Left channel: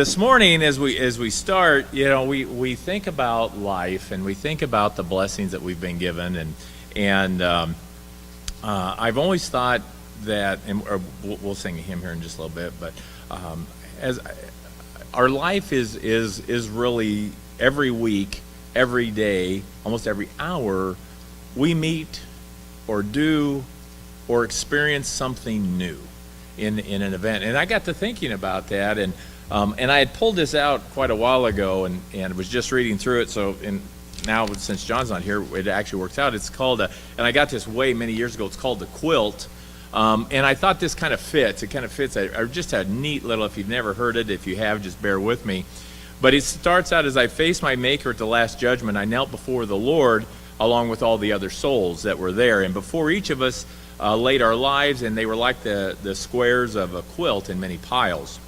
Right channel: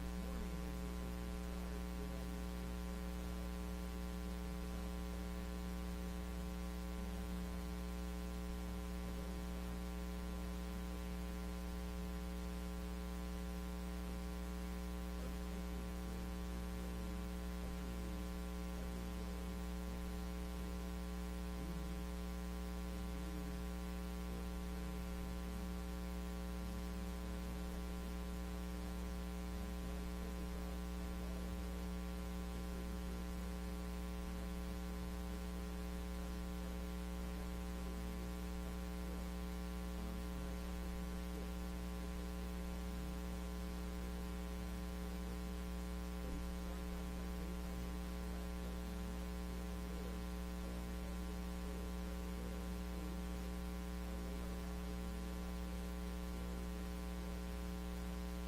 This morning, as we start, we think about life and we think about the blessings that we've been given, and I've always thought that, or we'll sing a hymn here in just a little bit, but as our life is really every week, every day, almost every hour, we meet or do or experience something new in an event, and I got to thinking about that and I had pulled this out quite a while ago and was just reading through it. So now, since John's not here, it actually works out. It's called, and I got this way many years ago, it's called the quilt. And I thought this kind of fits. It kind of fits. Just a neat little, if you've never heard it, if you have, just bear with me. But it starts out, as I faced my Maker at the Last Judgment, I knelt before the Lord along with all the other souls that were there. And before each of us laid our lives, and they were like the squares of a quilt in many piles.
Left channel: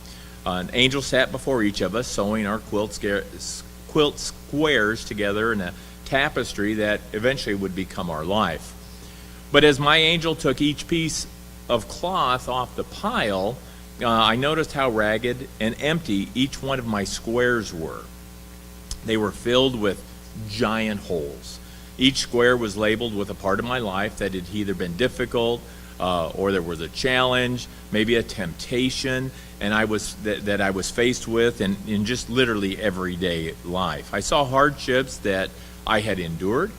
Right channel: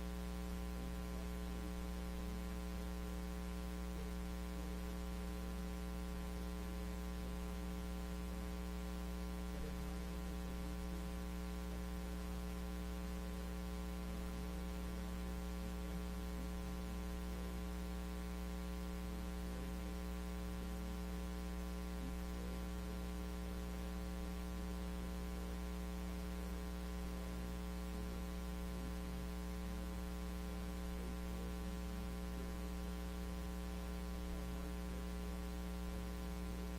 An angel sat before each of us, sewing our quilt squares together in a tapestry that eventually would become our life. But as my angel took each piece of cloth off the pile, I noticed how ragged and empty each one of my squares were. They were filled with giant holes. Each square was labeled with a part of my life that had either been difficult, or there was a challenge, maybe a temptation, and I was faced with in just literally everyday life. I saw hardships that I had endured,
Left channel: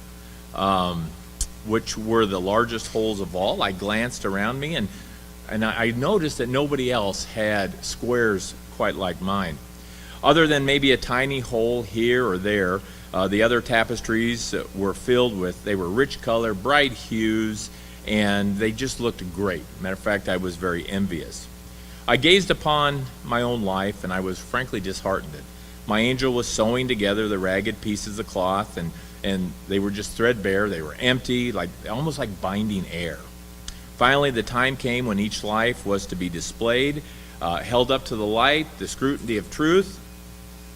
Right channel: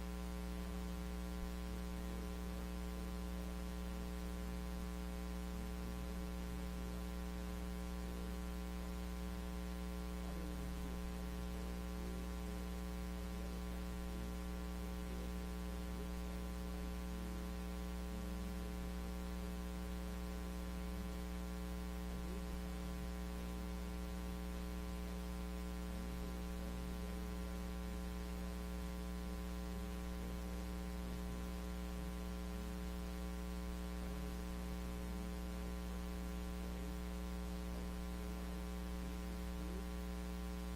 which were the largest holes of all. I glanced around me and I noticed that nobody else had squares quite like mine. Other than maybe a tiny hole here or there, the other tapestries were filled with, they were rich color, bright hues, and they just looked great. Matter of fact, I was very envious. I gazed upon my own life, and I was frankly disheartened. My angel was sewing together the ragged pieces of cloth, and they were just threadbare. They were empty, almost like binding air. Finally, the time came when each life was to be displayed, held up to the light, the scrutiny of truth.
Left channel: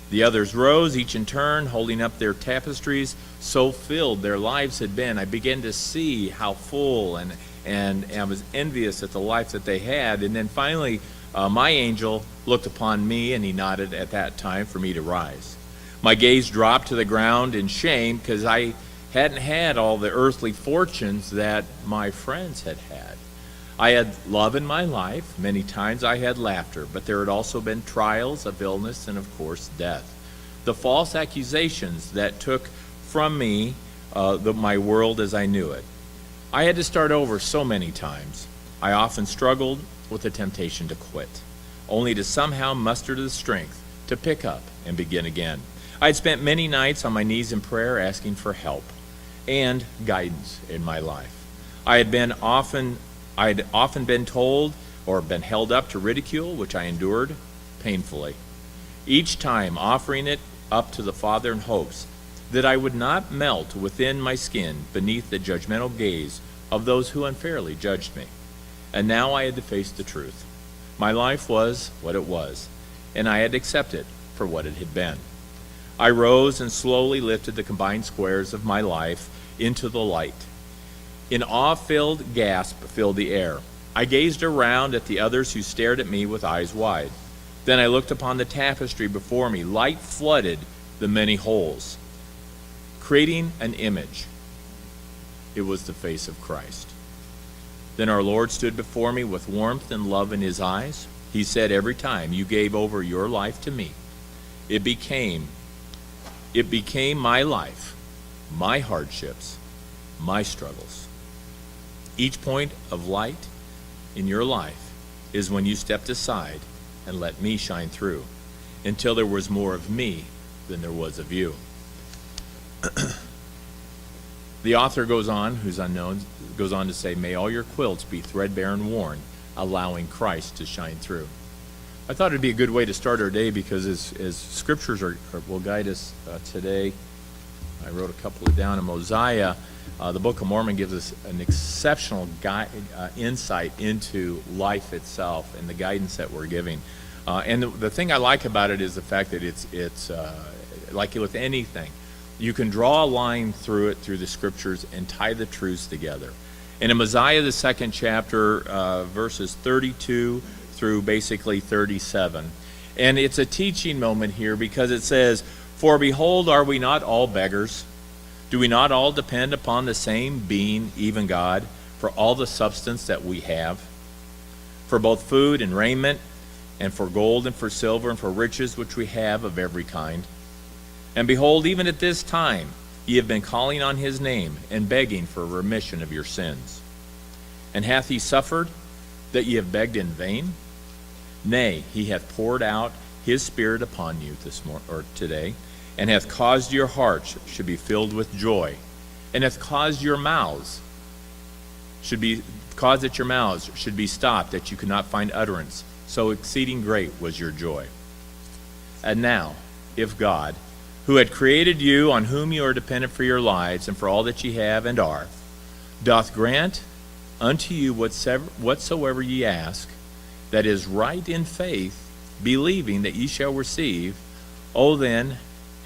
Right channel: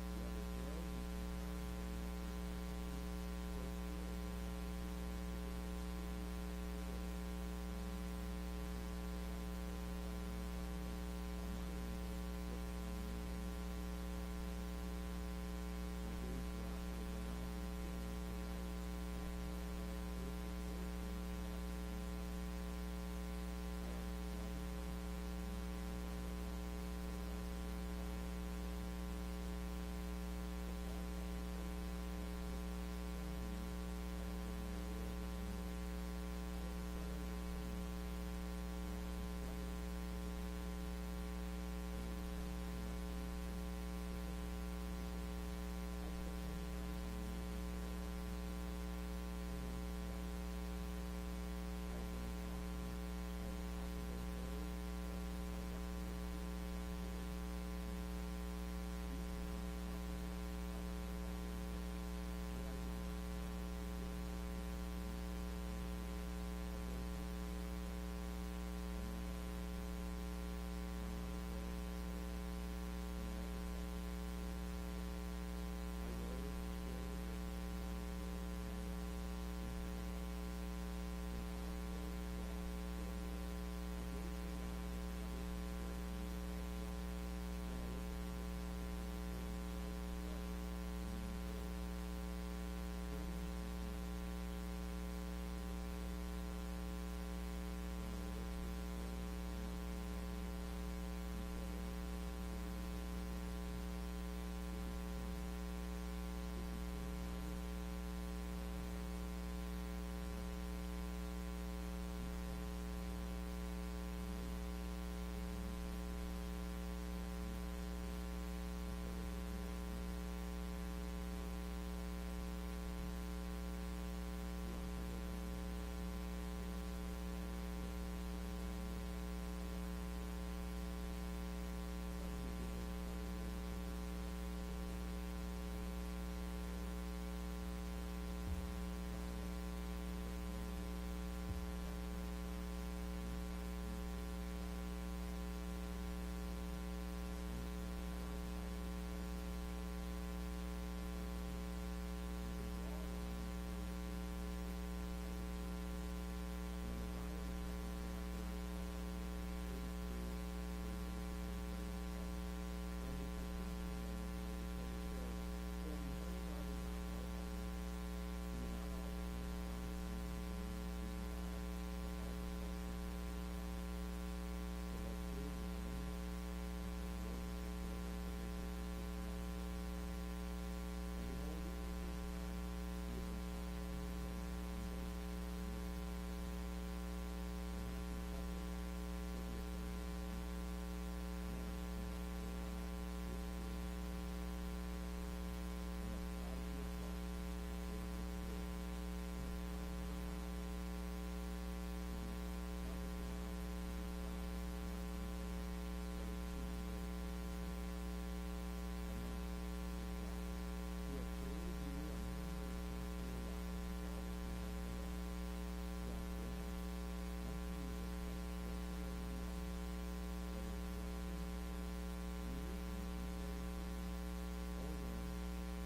The others rose, each in turn, holding up their tapestries. So filled their lives had been, I began to see how full, and I was envious at the life that they had. And then finally, my angel looked upon me, and he nodded at that time for me to rise. My gaze dropped to the ground in shame because I hadn't had all the earthly fortunes that my friends had had. I had love in my life. Many times I had laughter, but there had also been trials of illness and, of course, death. The false accusations that took from me my world as I knew it. I had to start over so many times. I often struggled with the temptation to quit, only to somehow muster the strength to pick up and begin again. I had spent many nights on my knees in prayer asking for help and guidance in my life. I had often been told or been held up to ridicule, which I endured painfully, each time offering it up to the Father in hopes that I would not melt within my skin beneath the judgmental gaze of those who unfairly judged me. And now I had to face the truth. My life was what it was, and I had to accept it for what it had been. I rose and slowly lifted the combined squares of my life into the light. An awe-filled gasp filled the air. I gazed around at the others who stared at me with eyes wide. Then I looked upon the tapestry before me. Light flooded the many holes, creating an image. It was the face of Christ. Then our Lord stood before me with warmth and love in his eyes. He said, every time you gave over your life to me, it became my life, my hardships, my struggles. Each point of light in your life is when you stepped aside and let me shine through until there was more of me than there was of you. The author goes on, who's unknown, goes on to say, may all your quilts be threadbare and worn, allowing Christ to shine through. I thought it'd be a good way to start our day because as scriptures will guide us today, I wrote a couple down in Mosiah. The Book of Mormon gives us an exceptional insight into life itself and the guidance that we're giving. And the thing I like about it is the fact that it's like with anything. You can draw a line through it, through the scriptures, and tie the truths together. And in Mosiah, the 2nd chapter, verses 32 through basically 37, And it's a teaching moment here because it says, "For behold, are we not all beggars? Do we not all depend upon the same being, even God, for all the substance that we have? For both food and raiment, and for gold and for silver, and for riches which we have of every kind. And behold, even at this time ye have been calling on his name, and begging for remission of your sins. And hath he suffered that ye have begged in vain? Nay, he hath poured out his Spirit upon you today, and hath caused your hearts should be filled with joy, and hath caused that your mouths should be stopped, that you could not find utterance. So exceeding great was your joy. And now, if God, who had created you, on whom you are dependent for your lives, and for all that ye have and are, doth grant unto you whatsoever ye ask, that is right in faith, believing that ye shall receive, O then,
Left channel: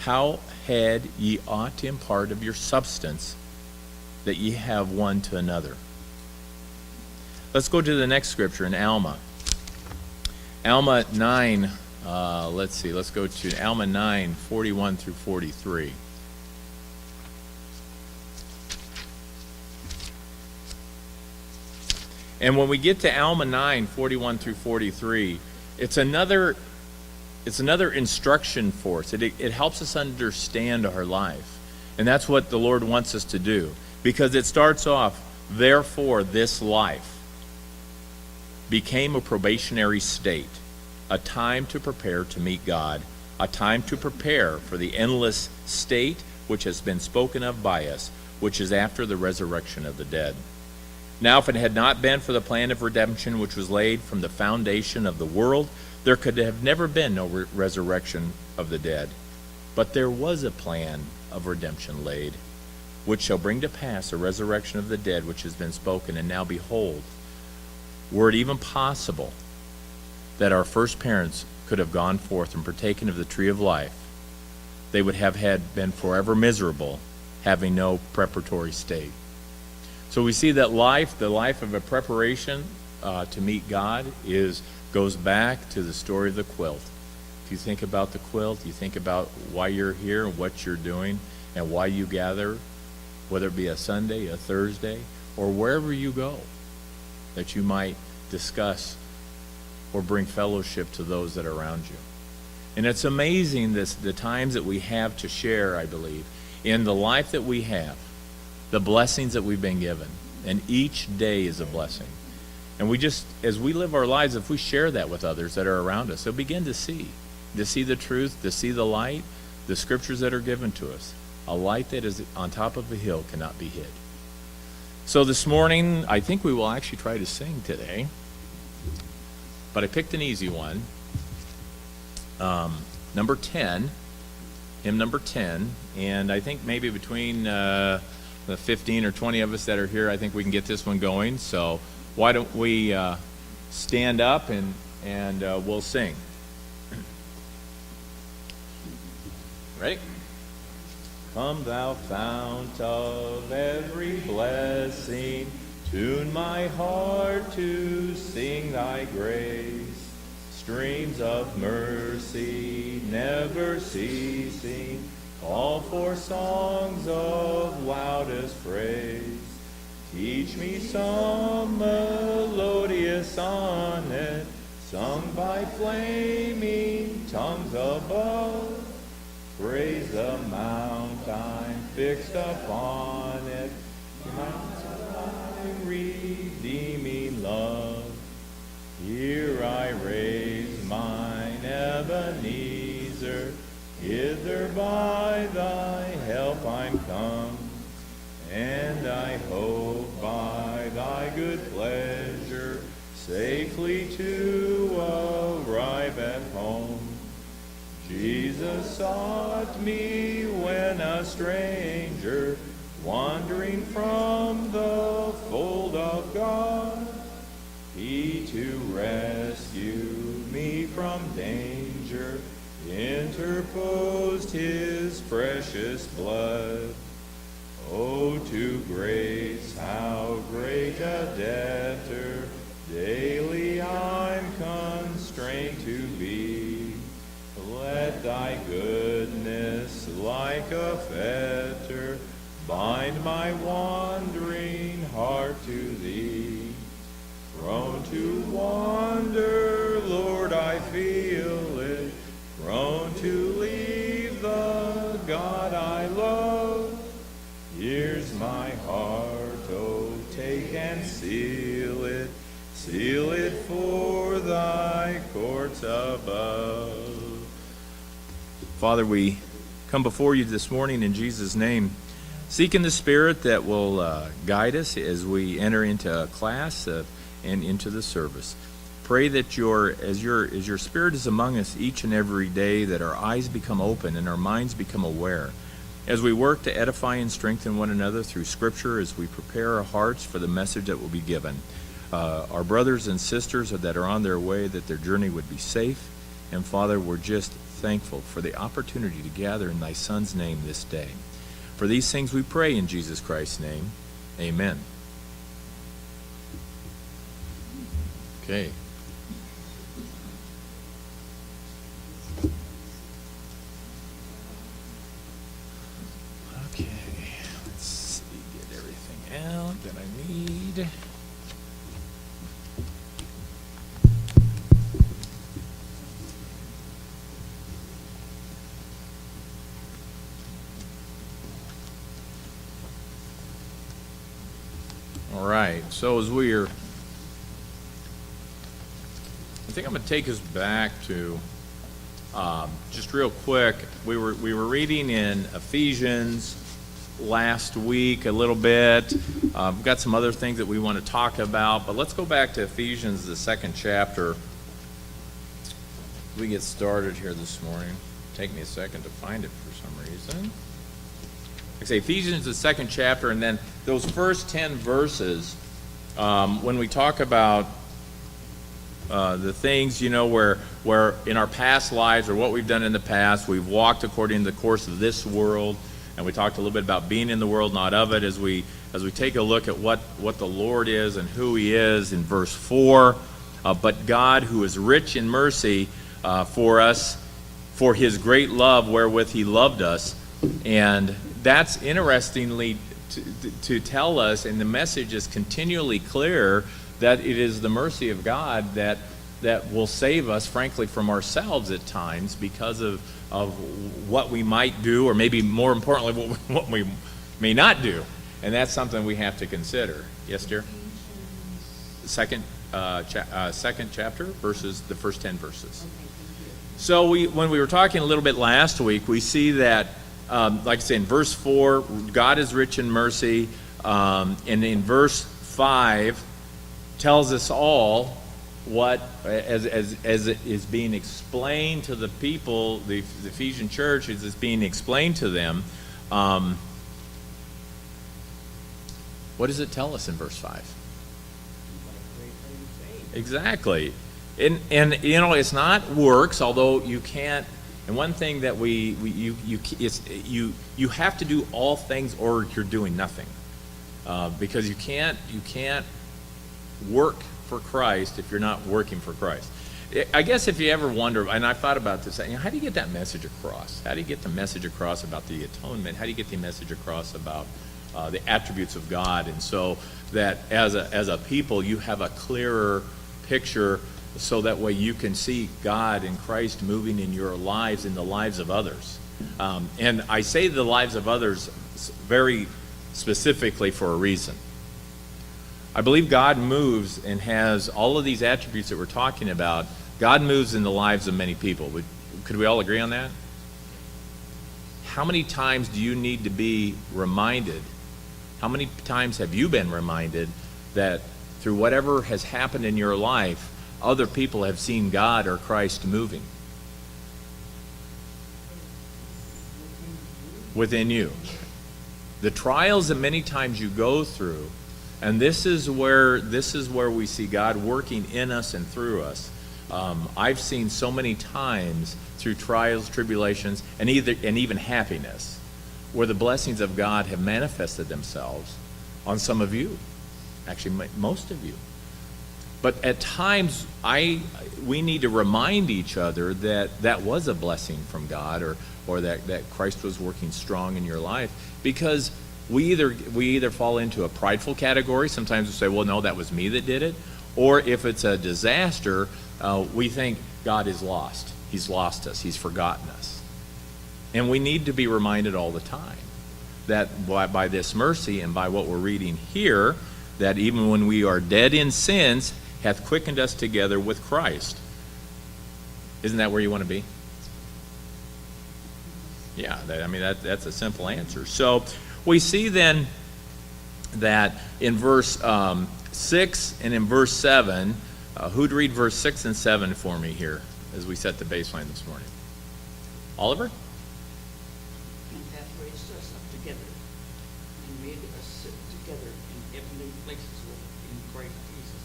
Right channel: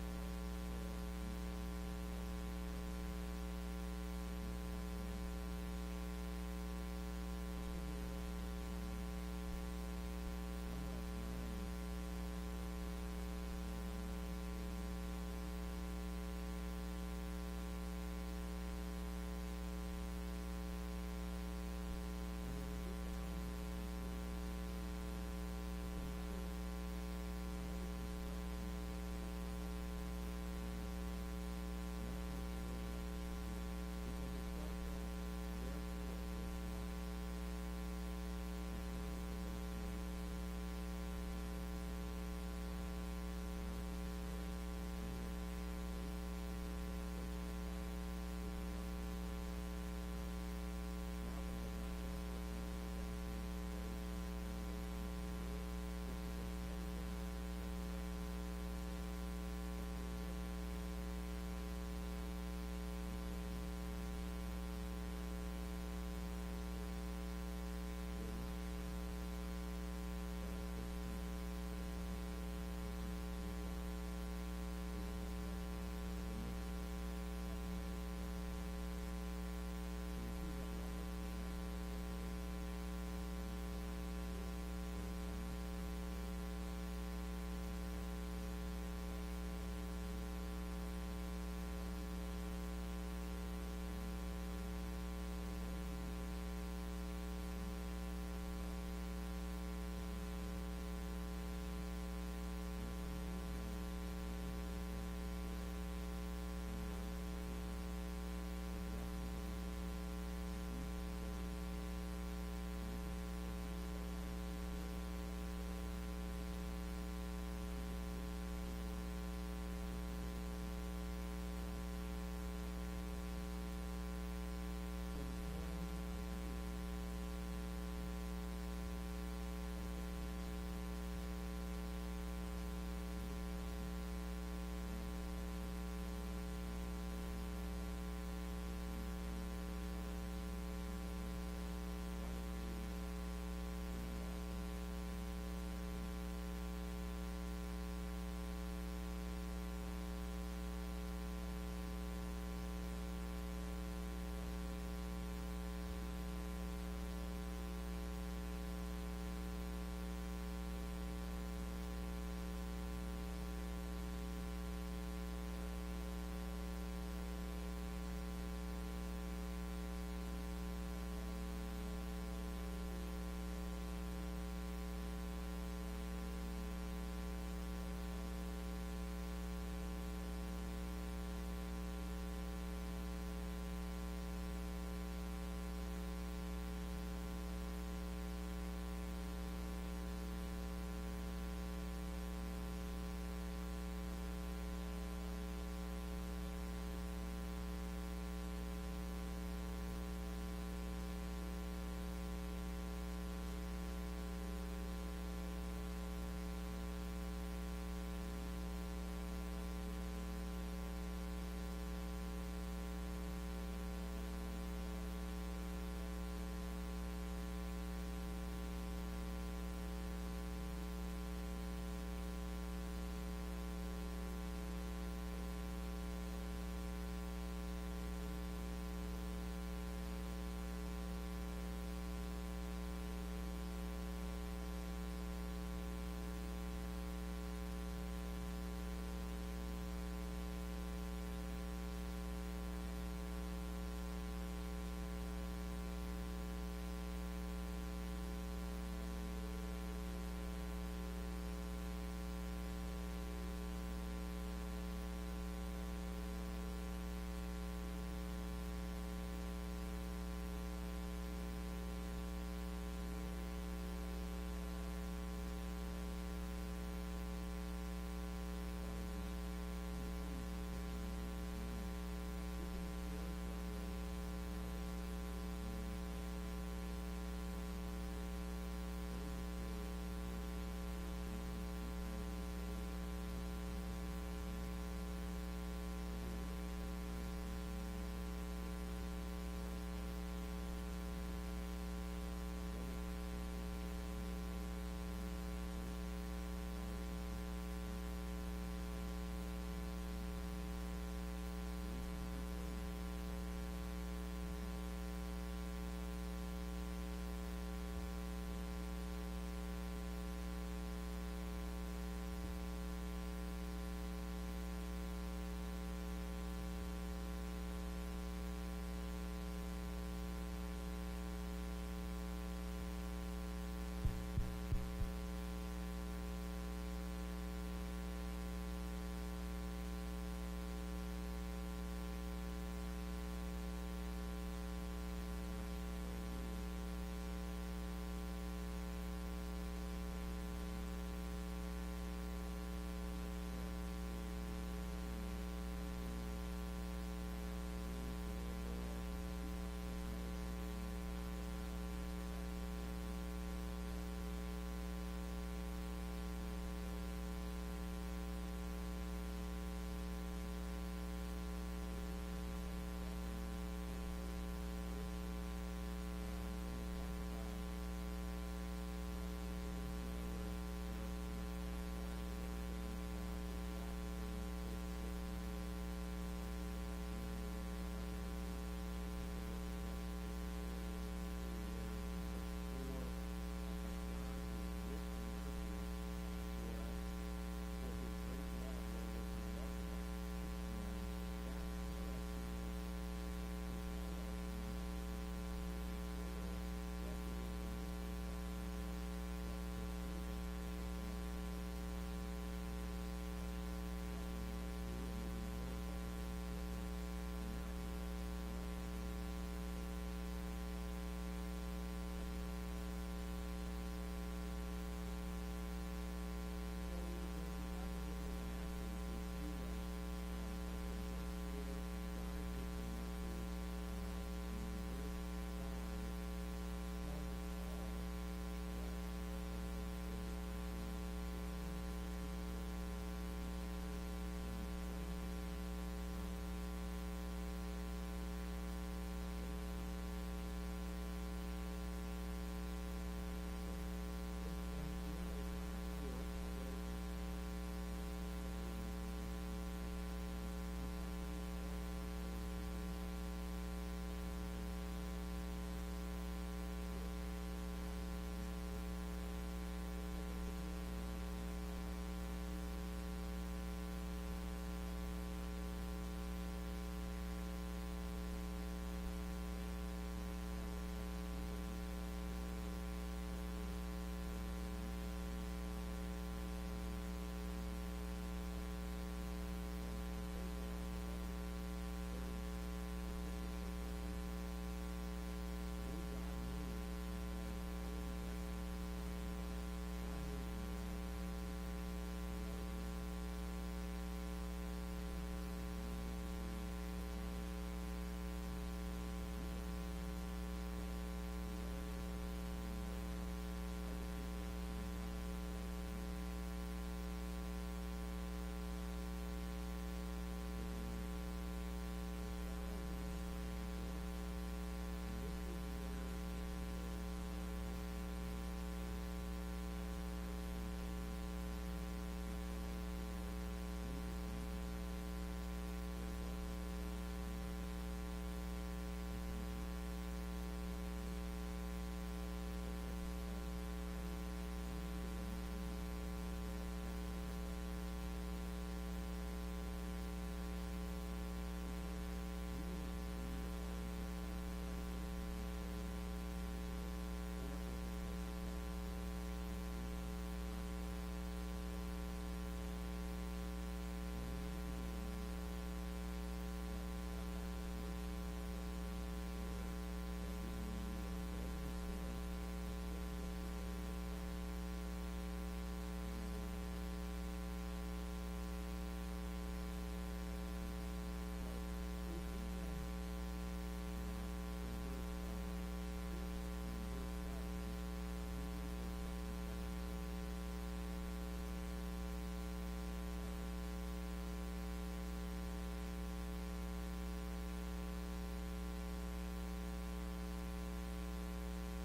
how had ye ought to impart of your substance, that ye have one to another." Let's go to the next scripture in Alma. Alma 9, let's go to Alma 9, 41 through 43. And when we get to Alma 9, 41 through 43, it's another instruction for us. It helps us understand our life. And that's what the Lord wants us to do. Because it starts off, "Therefore this life became a probationary state, a time to prepare to meet God, a time to prepare for the endless state which has been spoken of by us, which is after the resurrection of the dead. Now, if it had not been for the plan of redemption which was laid from the foundation of the world, there could have never been no resurrection of the dead. But there was a plan of redemption laid, which shall bring to pass a resurrection of the dead which has been spoken. And now behold, were it even possible that our first parents could have gone forth and partaken of the tree of life, they would have been forever miserable, having no preparatory state." So we see that the life of a preparation to meet God goes back to the story of the quilt. If you think about the quilt, you think about why you're here and what you're doing and why you gather, whether it be a Sunday, a Thursday, or wherever you go, that you might discuss or bring fellowship to those that are around you. And it's amazing the times that we have to share, I believe, in the life that we have, the blessings that we've been given. And each day is a blessing. And as we live our lives, if we share that with others that are around us, they'll begin to see the truth, to see the light, the scriptures that are given to us. A light that is on top of a hill cannot be hid. So this morning, I think we will actually try to sing today. But I picked an easy one. Number 10, hymn number 10. And I think maybe between the 15 or 20 of us that are here, I think we can get this one going. So why don't we stand up and we'll sing. Ready? Come thou fount of every blessing, tune my heart to sing thy grace. Streams of mercy never ceasing, call for songs of loudest praise. Teach me some melodious sonnet, sung by flaming tongues above. Praise the mount I'm fixed upon it, mount of thy redeeming love. Here I raise mine Ebenezer, hither by thy help I'm come, and I hope by thy good pleasure safely to arrive at home. Jesus sought me when a stranger, wandering from the fold of God. He to rescue me from danger interposed his precious blood. Oh, to grace how great a debtor daily I'm constrained to be. thy goodness like a fetter, bind my wandering heart to thee. Prone to wander, Lord, I feel it, prone to leave the God I love. Here's my heart, oh, take and seal it for thy courts above. Father, we come before you this morning in Jesus' name, seeking the Spirit that will guide us as we enter into class and into the service. Pray that as your Spirit is among us each and every day, that our eyes become open and our minds become aware. As we work to edify and strengthen one another through Scripture, as we prepare our hearts for the message that will be given, our brothers and sisters that are on their way, that their journey would be safe. And Father, we're just thankful for the opportunity to gather in thy Son's name this day. For these things we pray in Jesus Christ's name. Amen. Okay. Okay, let's see, get everything out that I need. All right, so as we're, I think I'm going to take us back to, just real quick, we were reading in Ephesians last week a little bit. We've got some other things that we want to talk about, but let's go back to Ephesians, the 2nd chapter. We get started here this morning. Take me a second to find it for some reason. Like I say, Ephesians, the 2nd chapter, and then those first 10 verses, when we talk about the things, where in our past lives or what we've done in the past, we've walked according to the course of this world, and we talked a little bit about being in the world, not of it, as we take a look at what the Lord is and who he is in verse 4. But God, who is rich in mercy for us, for his great love wherewith he loved us. And that's interestingly to tell us, and the message is continually clear, that it is the mercy of God that will save us, frankly, from ourselves at times because of what we might do, or maybe more importantly, what we may not do. And that's something we have to consider. Yes, dear? Second chapter, the first 10 verses. So when we were talking a little bit last week, we see that, like I say, in verse 4, God is rich in mercy, and in verse 5, tells us all what, as it is being explained to the people, the Ephesian church, as it's being explained to them. What does it tell us in verse 5? Exactly. And it's not works, although you can't. And one thing that you have to do all things, or you're doing nothing, because you can't work for Christ if you're not working for Christ. I guess if you ever wonder, and I've thought about this, how do you get that message across? How do you get the message across about the atonement? How do you get the message across about the attributes of God? And so that as a people, you have a clearer picture, so that way you can see God and Christ moving in your lives, in the lives of others. And I say the lives of others very specifically for a reason. I believe God moves and has all of these attributes that we're talking about. God moves in the lives of many people. Could we all agree on that? How many times do you need to be reminded? How many times have you been reminded that through whatever has happened in your life, other people have seen God or Christ moving within you? The trials that many times you go through, and this is where we see God working in us and through us. I've seen so many times through trials, tribulations, and even happiness, where the blessings of God have manifested themselves on some of you, actually most of you. But at times, we need to remind each other that that was a blessing from God, or that Christ was working strong in your life, because we either fall into a prideful category. Sometimes we say, well, no, that was me that did it. Or if it's a disaster, we think God is lost. He's lost us. He's forgotten us. And we need to be reminded all the time that by this mercy and by what we're reading here, that even when we are dead in sins, hath quickened us together with Christ. Isn't that where you want to be? Yeah, that's a simple answer. So we see then that in verse 6 and in verse 7, who'd read verse 6 and 7 for me here as we set the baseline this morning? Oliver? And hath raised us up together and made us sit together in heavenly places in Christ Jesus,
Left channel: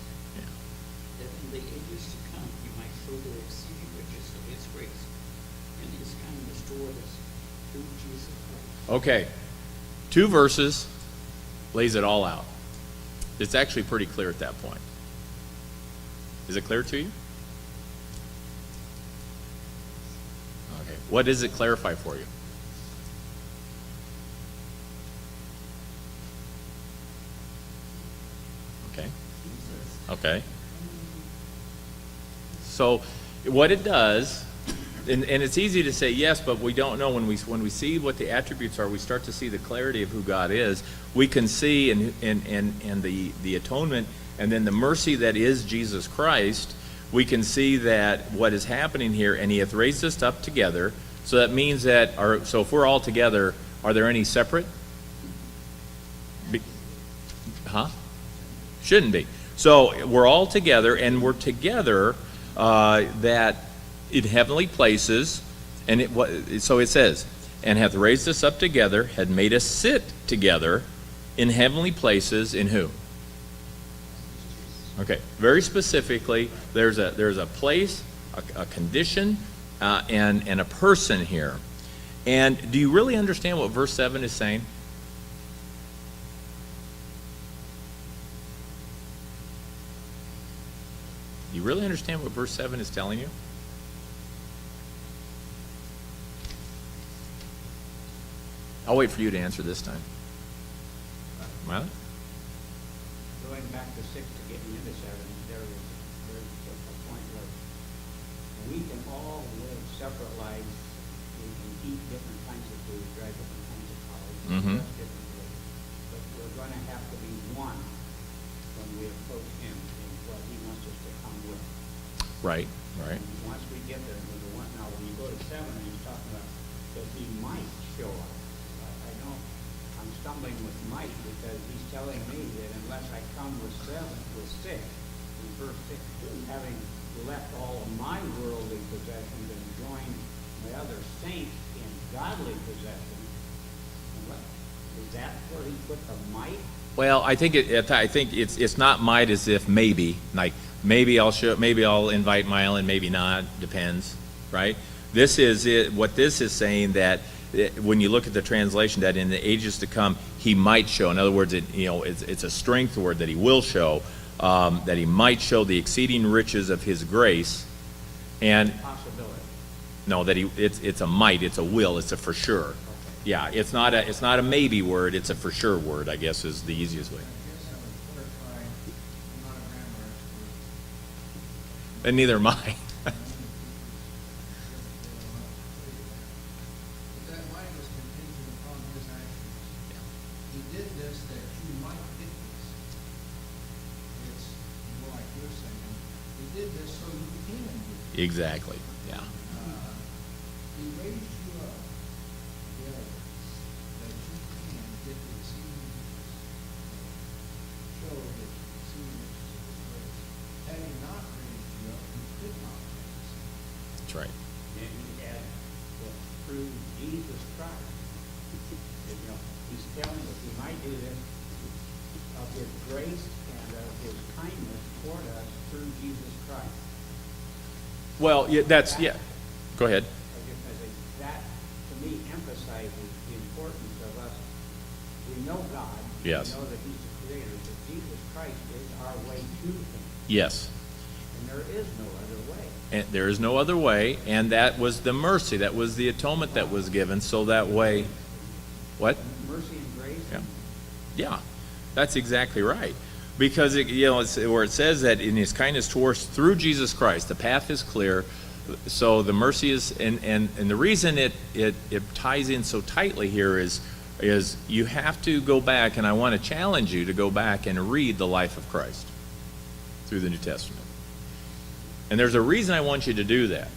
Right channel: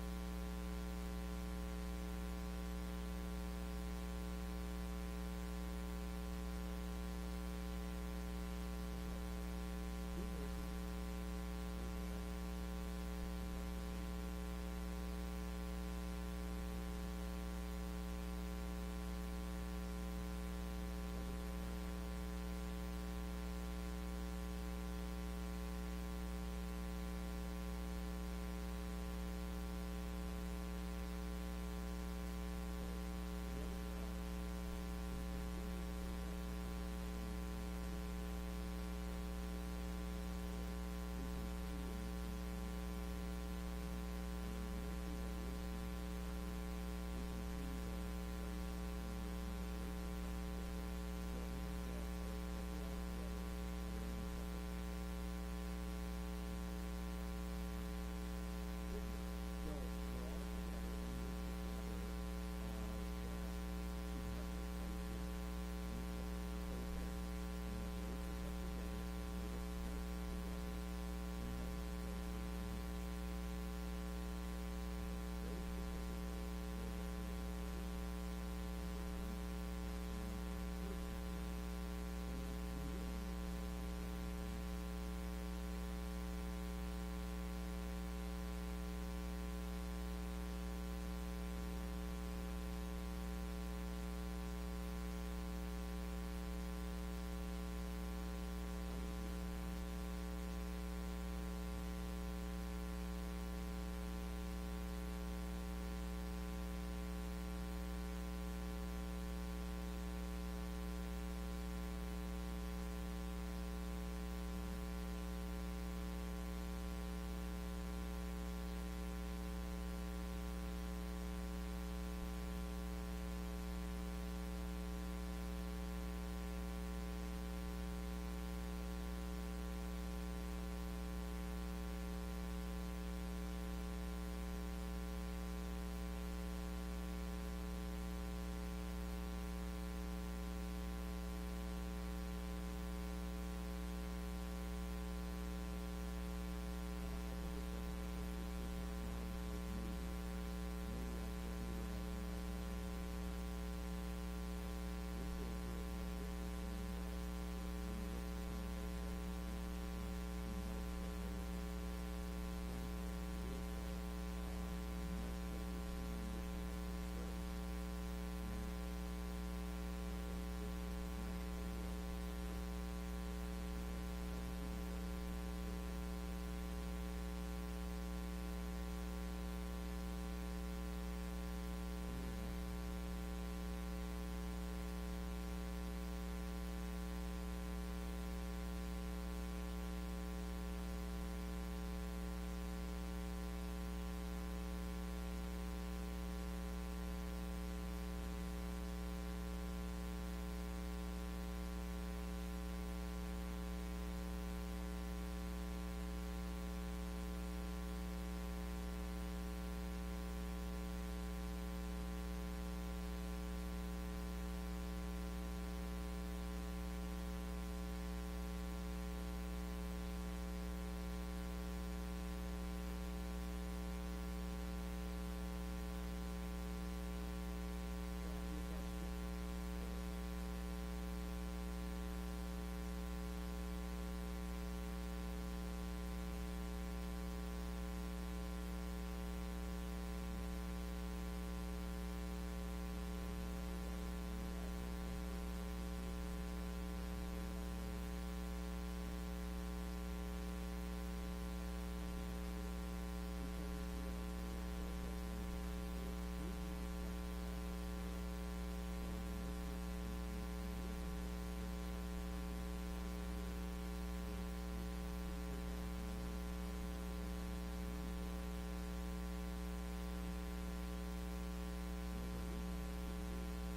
that in the ages to come he might show the exceeding riches of his grace and his kindness toward us through Jesus Christ. Okay, 2 verses lays it all out. It's actually pretty clear at that point. Is it clear to you? Okay, what does it clarify for you? Okay. So what it does, and it's easy to say yes, but we don't know. When we see what the attributes are, we start to see the clarity of who God is. We can see and the atonement, and then the mercy that is Jesus Christ. We can see that what is happening here, and he hath raised us up together. So that means that so if we're all together, are there any separate? Shouldn't be. So we're all together, and we're together that in heavenly places, and so it says, and hath raised us up together, had made us sit together in heavenly places in who? Okay, very specifically, there's a place, a condition, and a person here. And do you really understand what verse 7 is saying? You really understand what verse 7 is telling you? I'll wait for you to answer this time. Well? Going back to 6 to get into 7, there was a point where we can all live separate lives. We can eat different kinds of food, drive different kinds of cars, different ways. But we're going to have to be one when we approach him and what he wants us to come with. Right. And once we get there, we're one. Now, when you go to 7, he's talking about that he might show us. I know I'm stumbling with might because he's telling me that unless I come with 6, in verse 6, having left all of my worldly possessions and joined my other saints in godly possessions, is that where he put the might? Well, I think it's not might as if maybe, like maybe I'll invite Mile and maybe not, depends, right? This is it. What this is saying, that when you look at the translation, that in the ages to come he might show. In other words, it's a strength word, that he will show, that he might show the exceeding riches of his grace, and Possibility. no, that it's a might, it's a will, it's a for sure. Yeah, it's not a maybe word, it's a for sure word, I guess is the easiest way. And neither am I. Exactly. Yeah. That's right. And that through Jesus Christ, he's telling us we might do this of his grace and of his kindness toward us through Jesus Christ. Well, yeah, yeah. Go ahead. I think that, to me, emphasizes the importance of us. We know God. Yes. We know that he's the creator, but Jesus Christ is our way to him. Yes. And there is no other way. And there is no other way, and that was the mercy, that was the atonement that was given, so that way, what? Mercy and grace. Yeah, yeah, that's exactly right. Because it's where it says that in His kindness towards us through Jesus Christ, the path is clear. So the mercy is, and the reason it ties in so tightly here is you have to go back, and I want to challenge you to go back and read the life of Christ through the New Testament. And there's a reason I want you to do that.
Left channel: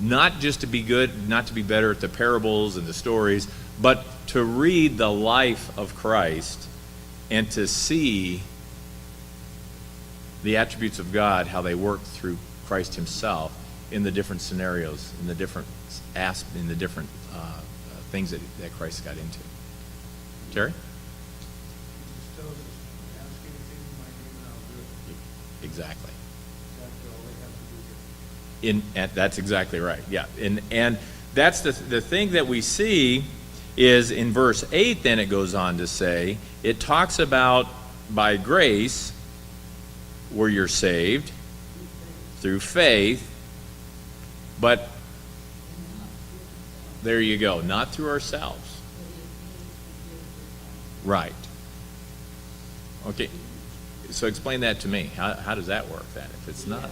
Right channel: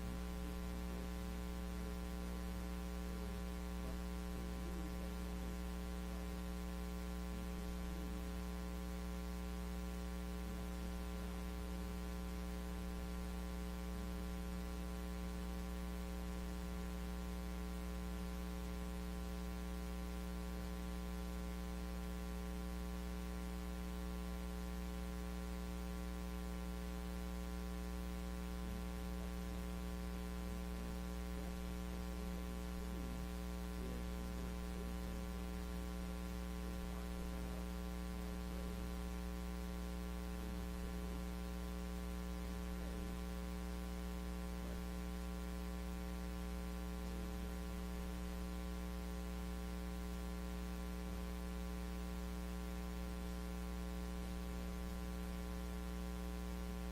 Not just to be good, not to be better at the parables and the stories, but to read the life of Christ and to see the attributes of God, how they work through Christ Himself in the different scenarios, in the different things that Christ got into. Terry? Exactly. That's exactly right. Yeah, and that's the thing that we see is in verse 8. Then it goes on to say, it talks about by grace where you're saved through faith, but there you go, not through ourselves. Right. Okay. So explain that to me. How does that work then? If it's not.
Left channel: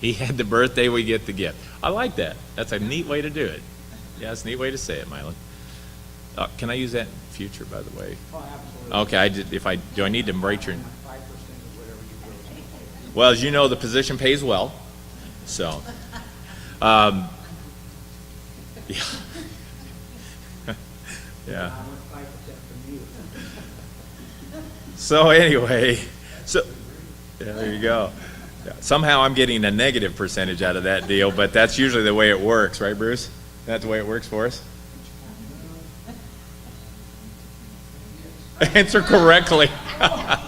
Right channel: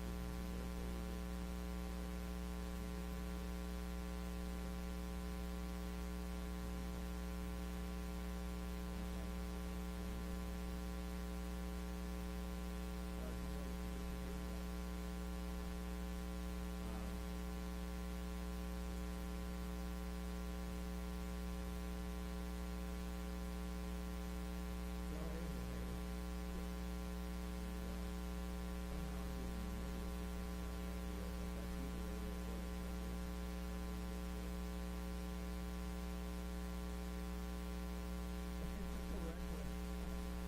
He had the birthday, we get the gift. I like that. That's a neat way to do it. Yeah, it's a neat way to say it, Mylon. Can I use that in future, by the way? Oh, absolutely. Okay, do I need to write your... Well, as you know, the position pays well. So, yeah. Yeah. So anyway, yeah, there you go. Yeah. Somehow I'm getting a negative percentage out of that deal, but that's usually the way it works, right, Bruce? That's the way it works for us? Answer correctly. Yeah.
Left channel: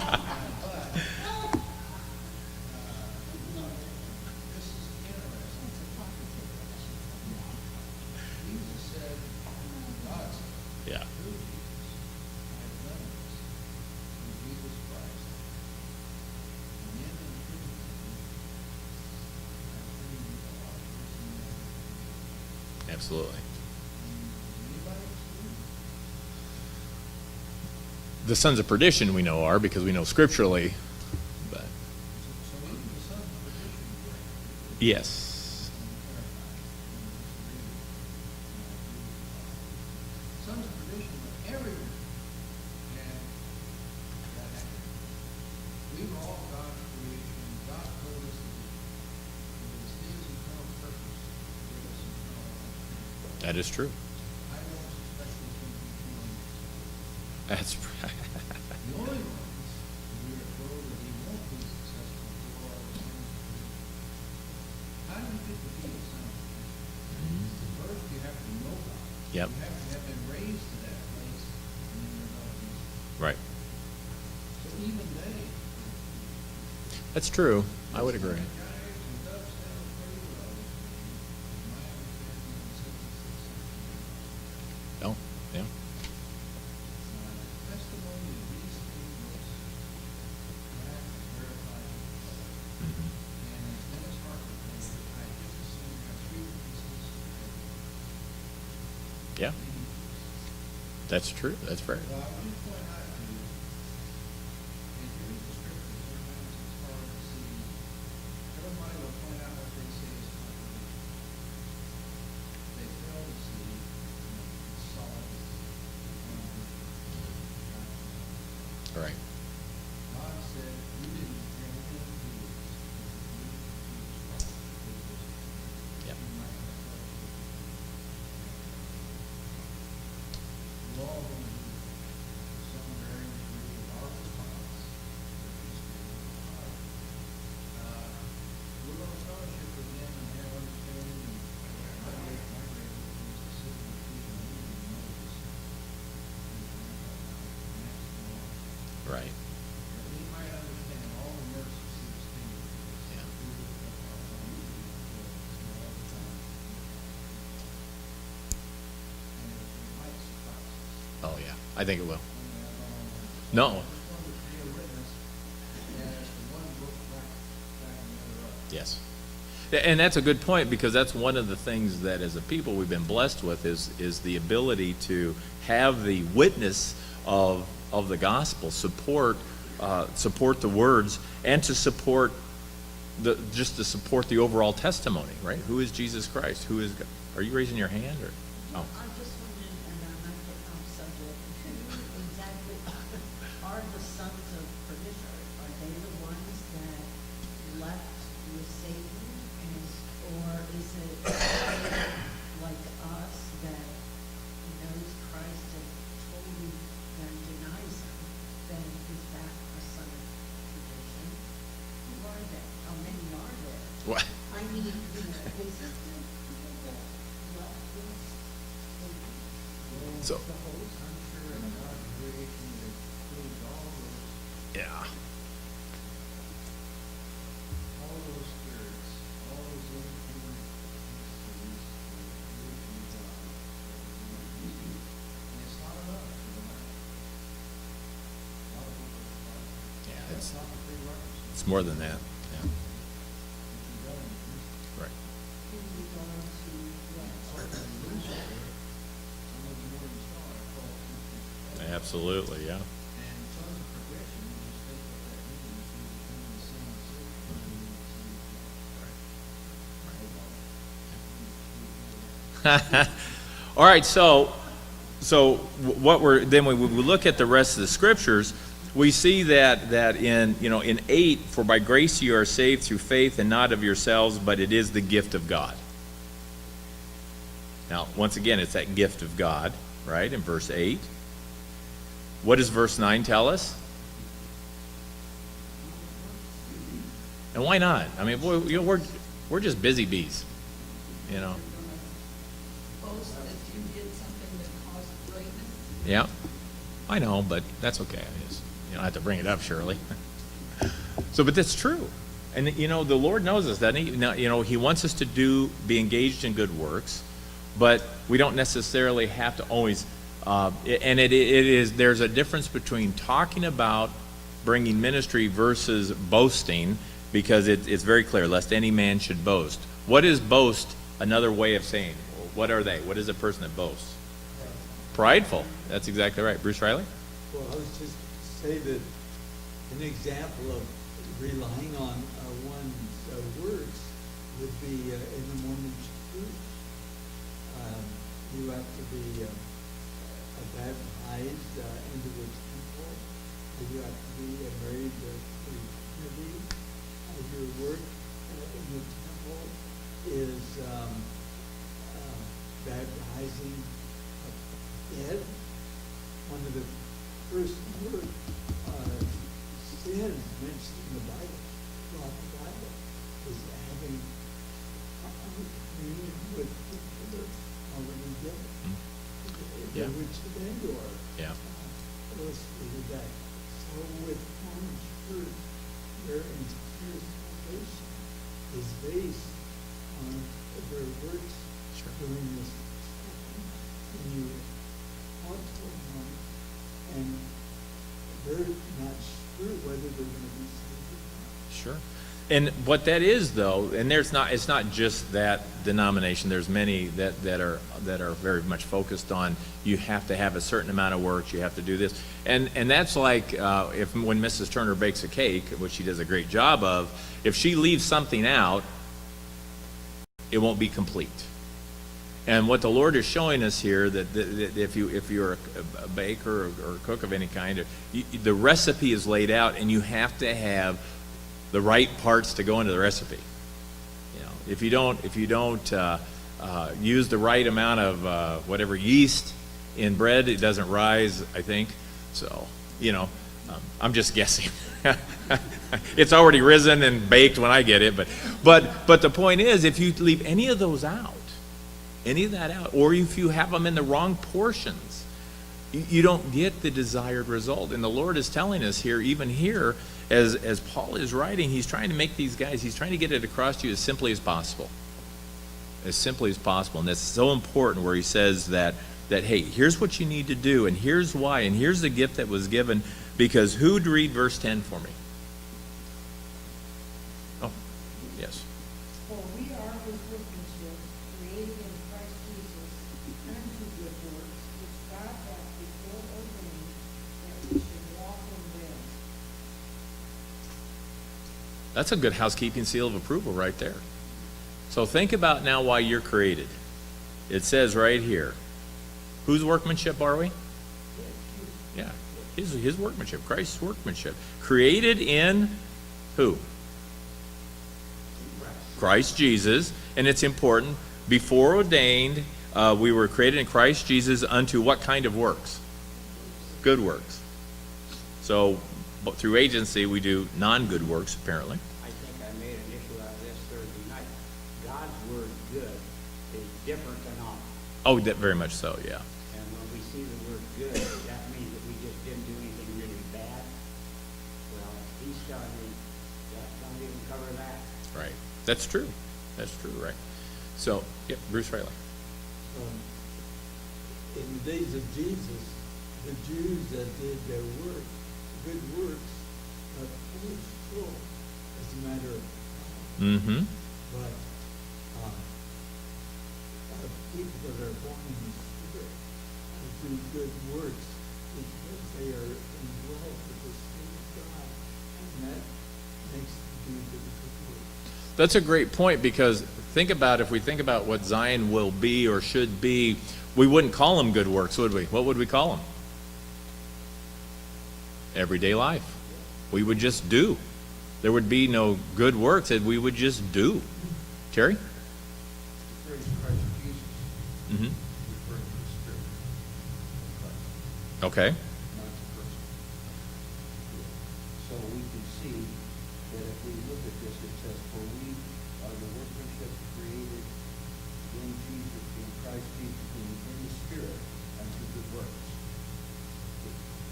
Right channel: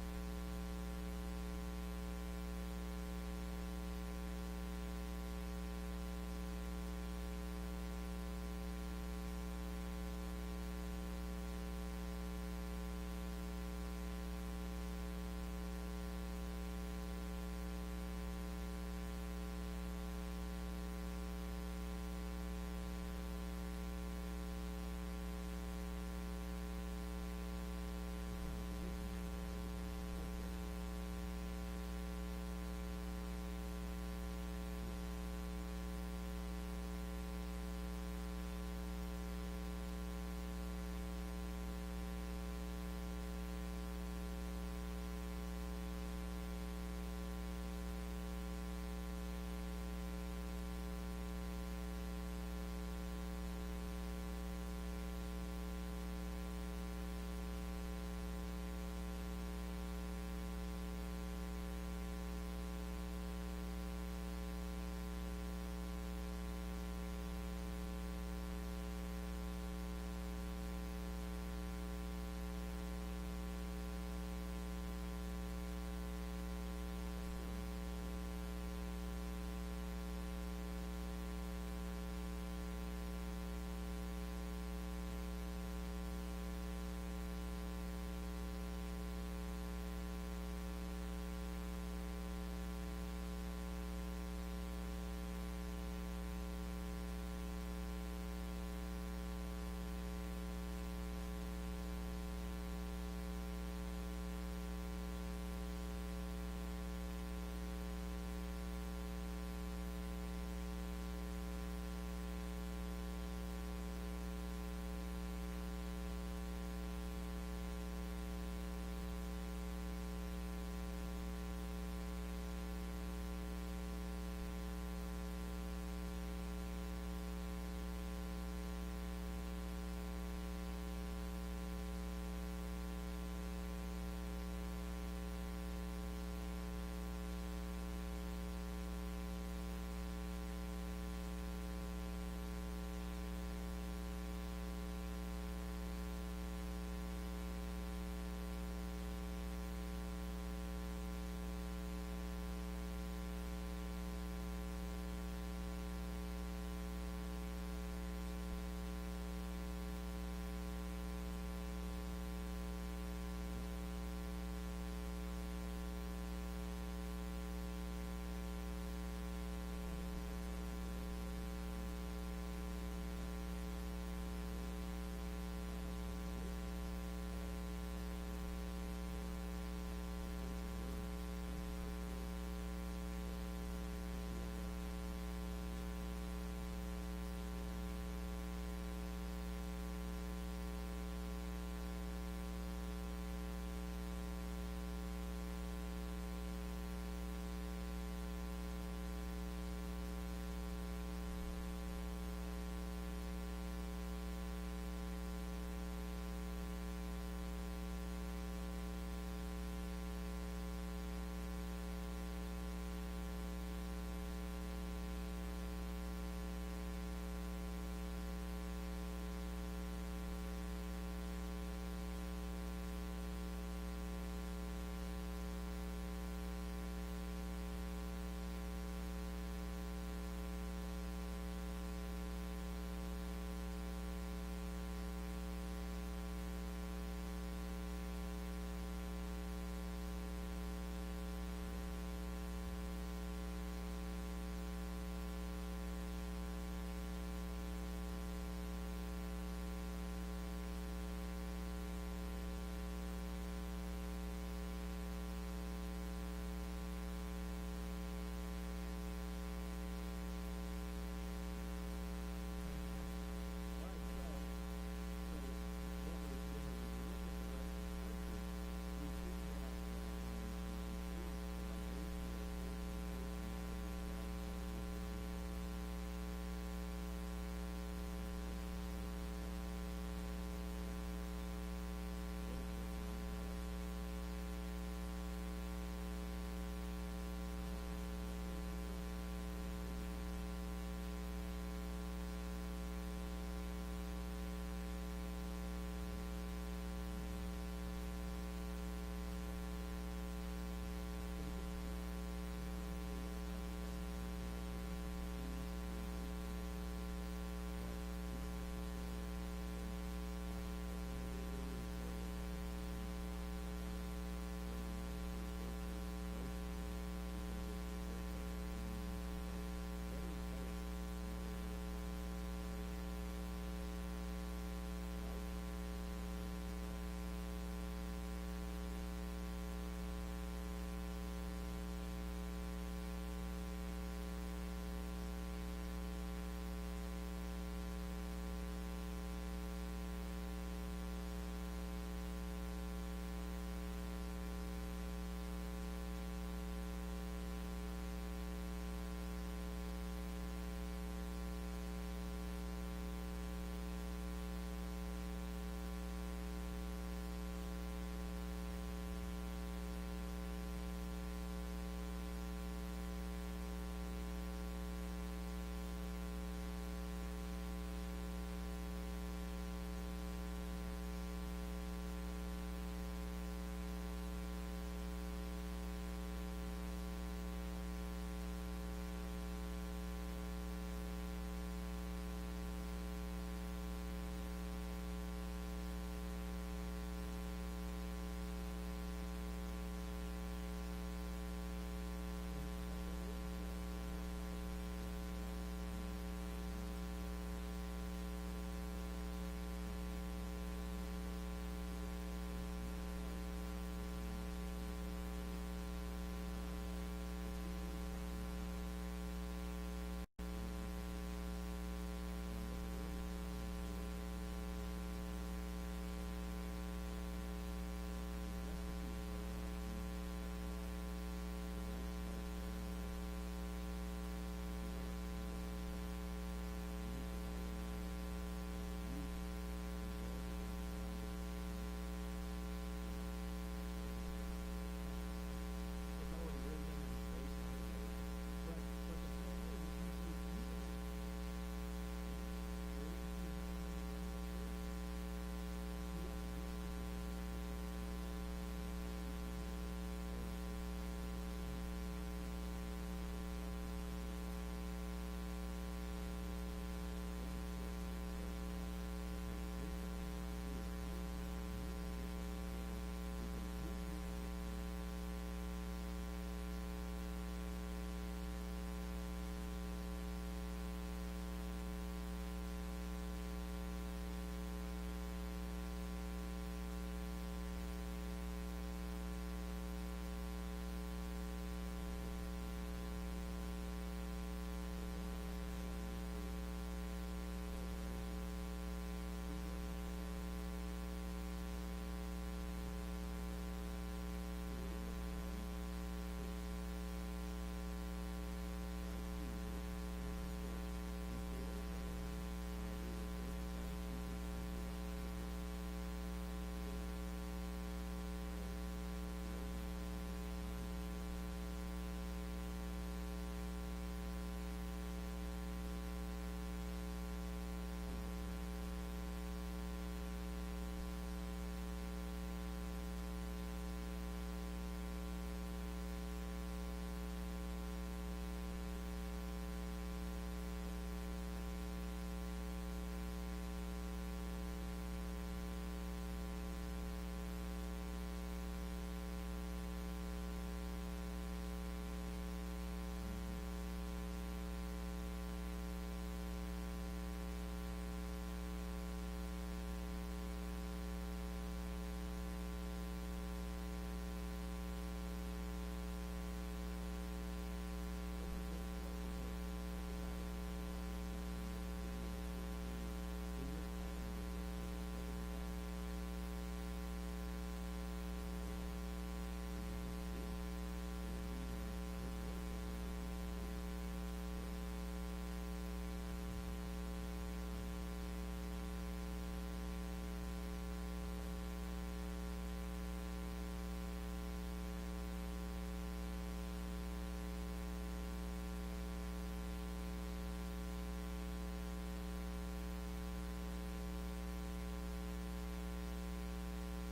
Absolutely. The sons of perdition we know are, because we know scripturally, but yes. That is true. That's right. Yep. Right. That's true. I would agree. Oh, yeah. Yeah. That's true. That's fair. Right. Yep. Right. Oh, yeah. I think it will. No. Yes. And that's a good point, because that's one of the things that as a people we've been blessed with is the ability to have the witness of the gospel, support the words, and to support just to support the overall testimony, right? Who is Jesus Christ? Who is God? Are you raising your hand, or? Oh. I just wanted, and I'm not getting off subject, exactly, are the sons of perdition, are they the ones that left with Satan? Or is it like us that knows Christ and totally and denies him, then is that a son of perdition? Who are they? How many are there? What? I mean, is it people that left with Satan? So, yeah. Yeah, it's more than that. Yeah. Right. Absolutely, yeah. All right, so what we're then when we look at the rest of the scriptures, we see that in 8, for by grace you are saved through faith, and not of yourselves, but it is the gift of God. Now, once again, it's that gift of God, right? In verse 8. What does verse 9 tell us? And why not? I mean, we're just busy bees, you know. Boast that you did something that caused greatness. Yeah, I know, but that's okay. You don't have to bring it up, Shirley. So, but that's true. And, the Lord knows us, doesn't he? Now, he wants us to be engaged in good works, but we don't necessarily have to always, and there's a difference between talking about bringing ministry versus boasting, because it's very clear, lest any man should boast. What is boast another way of saying? What are they? What is a person that boasts? Prideful. That's exactly right. Bruce Riley? Well, I was just say that an example of relying on one's words would be in the moment's truth. You have to be baptized into the temple. You have to be married to the community. Your work in the temple is baptizing dead. One of the first word sins mentioned in the Bible, throughout the Bible, is having communion with people already dead. Yeah. Which the Vandor. Yeah. Illustrated that. So with one's fruit, their entire salvation is based on the very works doing this. And you talk to someone, and they're not sure whether they're going to be saved. Sure. And what that is, though, and it's not just that denomination. There's many that are very much focused on you have to have a certain amount of works, you have to do this, and that's like when Mrs. Turner bakes a cake, which she does a great job of. If she leaves something out, it won't be complete. And what the Lord is showing us here, that if you're a baker or a cook of any kind, the recipe is laid out, and you have to have the right parts to go into the recipe. If you don't use the right amount of whatever yeast in bread, it doesn't rise, I think. So, I'm just guessing. It's already risen and baked when I get it, but the point is, if you leave any of that out, or if you have them in the wrong portions, you don't get the desired result. And the Lord is telling us here, even here, as Paul is writing, he's trying to make these guys, he's trying to get it across to you as simply as possible. As simply as possible. And that's so important, where he says that hey, here's what you need to do, and here's why, and here's the gift that was given. Because who'd read verse 10 for me? Oh, yes. For we That's a good housekeeping seal of approval right there. So think about now why you're created. It says right here, whose workmanship are we? Yeah, his workmanship, Christ's workmanship. Created in who? Christ Jesus, and it's important, before ordained, we were created in Christ Jesus unto what kind of works? Good works. So, but through agency, we do non-good works, apparently. I think I made an issue out of this Thursday night. God's word good is different than ours. Oh, very much so, yeah. And when we see the word good, that means that we just didn't do anything really bad. Well, he's telling me that don't even cover that. Right. That's true. That's true, right. So, yeah, Bruce Riley. In the days of Jesus, the Jews that did their work, good works, are always full, as a matter of Mm-hmm. but people that are born in the Spirit do good works because they are involved with the Spirit of God, and that makes them do good works. That's a great point, because think about, if we think about what Zion will be or should be, we wouldn't call them good works, would we? What would we call them? Everyday life. We would just do. There would be no good works that we would just do. Terry? Praise Christ Jesus, Mm-hmm. referring to the Spirit of Christ, Okay. not the person. So we can see that if we look at this, it says, for we are the workmanship created in Jesus, in Christ Jesus, in the Spirit, unto good works.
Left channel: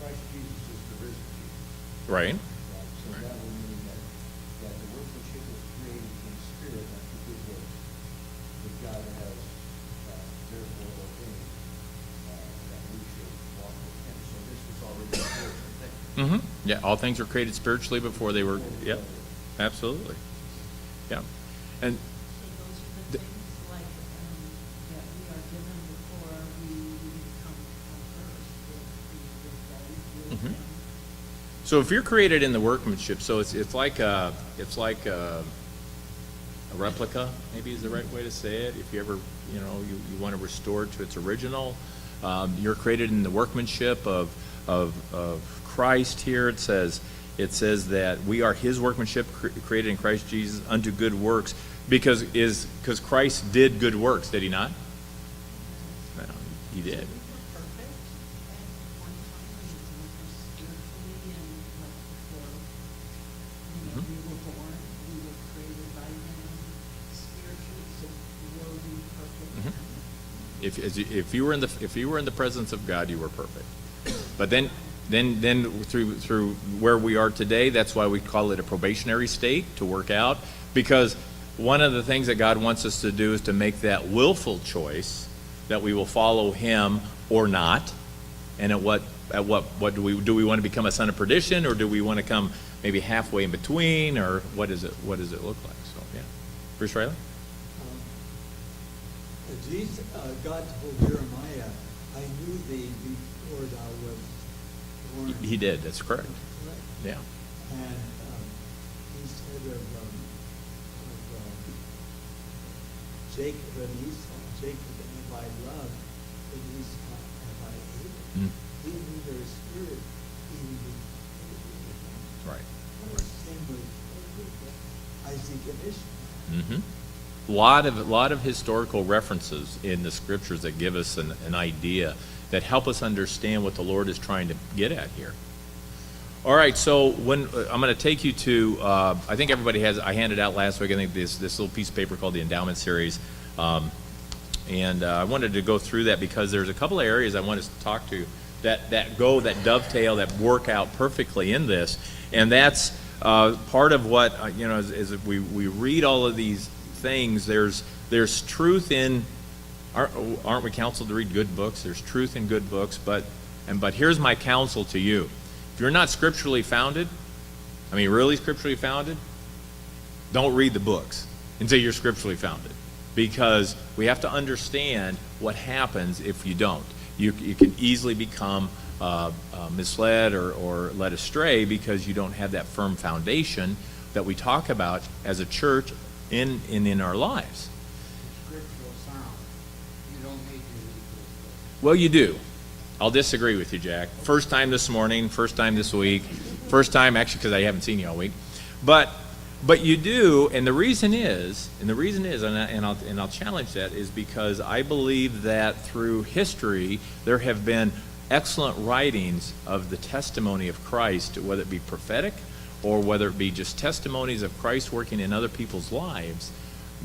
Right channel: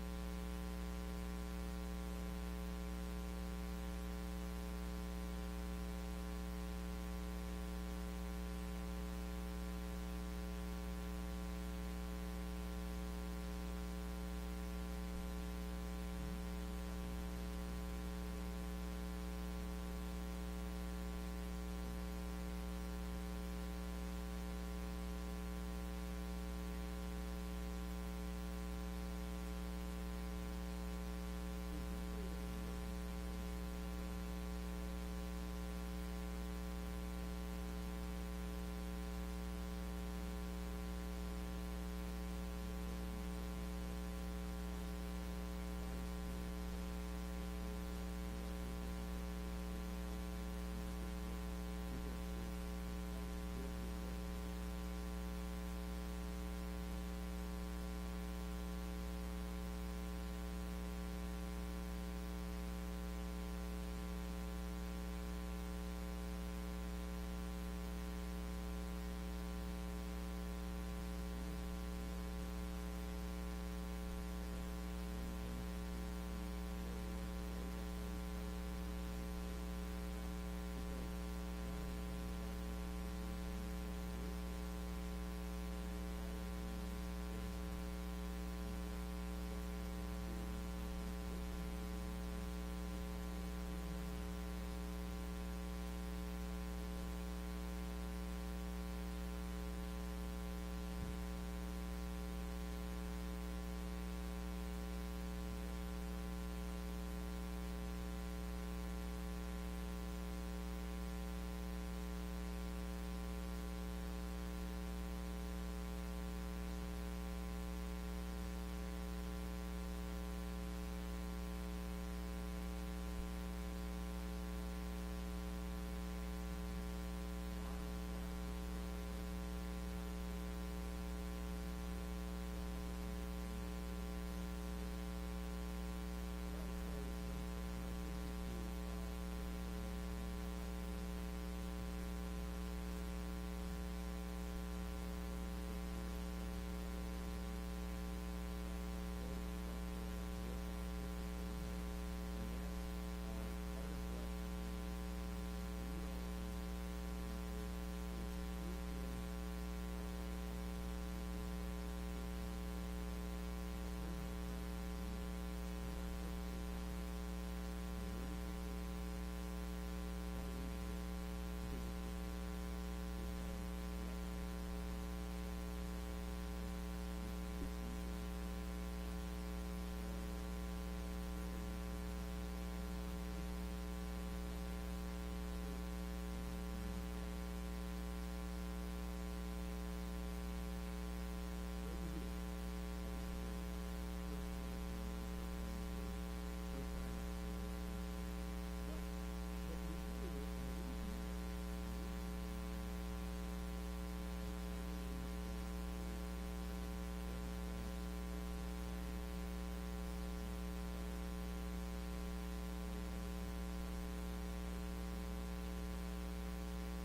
Christ Jesus is the risen Jesus. Right. Right, so that would mean that the workmanship was created in the Spirit unto good works, that God has therefore ordained that we should walk with Him. So this was already a spiritual thing. Mm-hmm. Yeah, all things were created spiritually before they were, yep, absolutely. Yeah. And So those are the things like, that we are given before we become first. Mhm. so if you're created in the workmanship, so it's like a replica, maybe is the right way to say it. If you ever, you want to restore it to its original, you're created in the workmanship of Christ. Here it says that we are His workmanship, created in Christ Jesus unto good works, because Christ did good works, did He not? Well, He did. Perfect at one time, we were born, we were created by Him spiritually, so will be perfect. If you were in the presence of God, you were perfect. But then through where we are today, that's why we call it a probationary state, to work out, because one of the things that God wants us to do is to make that willful choice that we will follow Him or not. And at what do we want to become a son of perdition, or do we want to come maybe halfway in between, or what does it look like? So yeah, Bruce Riley. Jesus, God told Jeremiah, I knew thee before thou wast born. He did. That's correct. Right. Yeah. And he said of Jacob and Esau, Jacob have I loved, and Esau have I hated. Mm. He knew their spirit, he knew Right. the sin with Isaac and Ishmael. Mm-hmm. Lot of historical references in the scriptures that give us an idea, that help us understand what the Lord is trying to get at here. All right, so when I'm going to take you to, I think everybody has. I handed out last week, I think this little piece of paper called the Endowment Series, and I wanted to go through that because there's a couple of areas I want us to talk to that dovetail, that work out perfectly in this, and that's part of what as we read all of these things. There's truth in. Aren't we counseled to read good books? There's truth in good books, but here's my counsel to you. If you're not scripturally founded, really scripturally founded, don't read the books until you're scripturally founded, because we have to understand what happens if you don't. You can easily become misled or led astray because you don't have that firm foundation that we talk about as a church in our lives. Scriptural sound. You don't need to read this book. Well, you do. I'll disagree with you, Jack. First time this morning, first time this week, first time actually because I haven't seen you all week, but you do, and the reason is, and I'll challenge that, is because I believe that through history there have been excellent writings of the testimony of Christ, whether it be prophetic or whether it be just testimonies of Christ working in other people's lives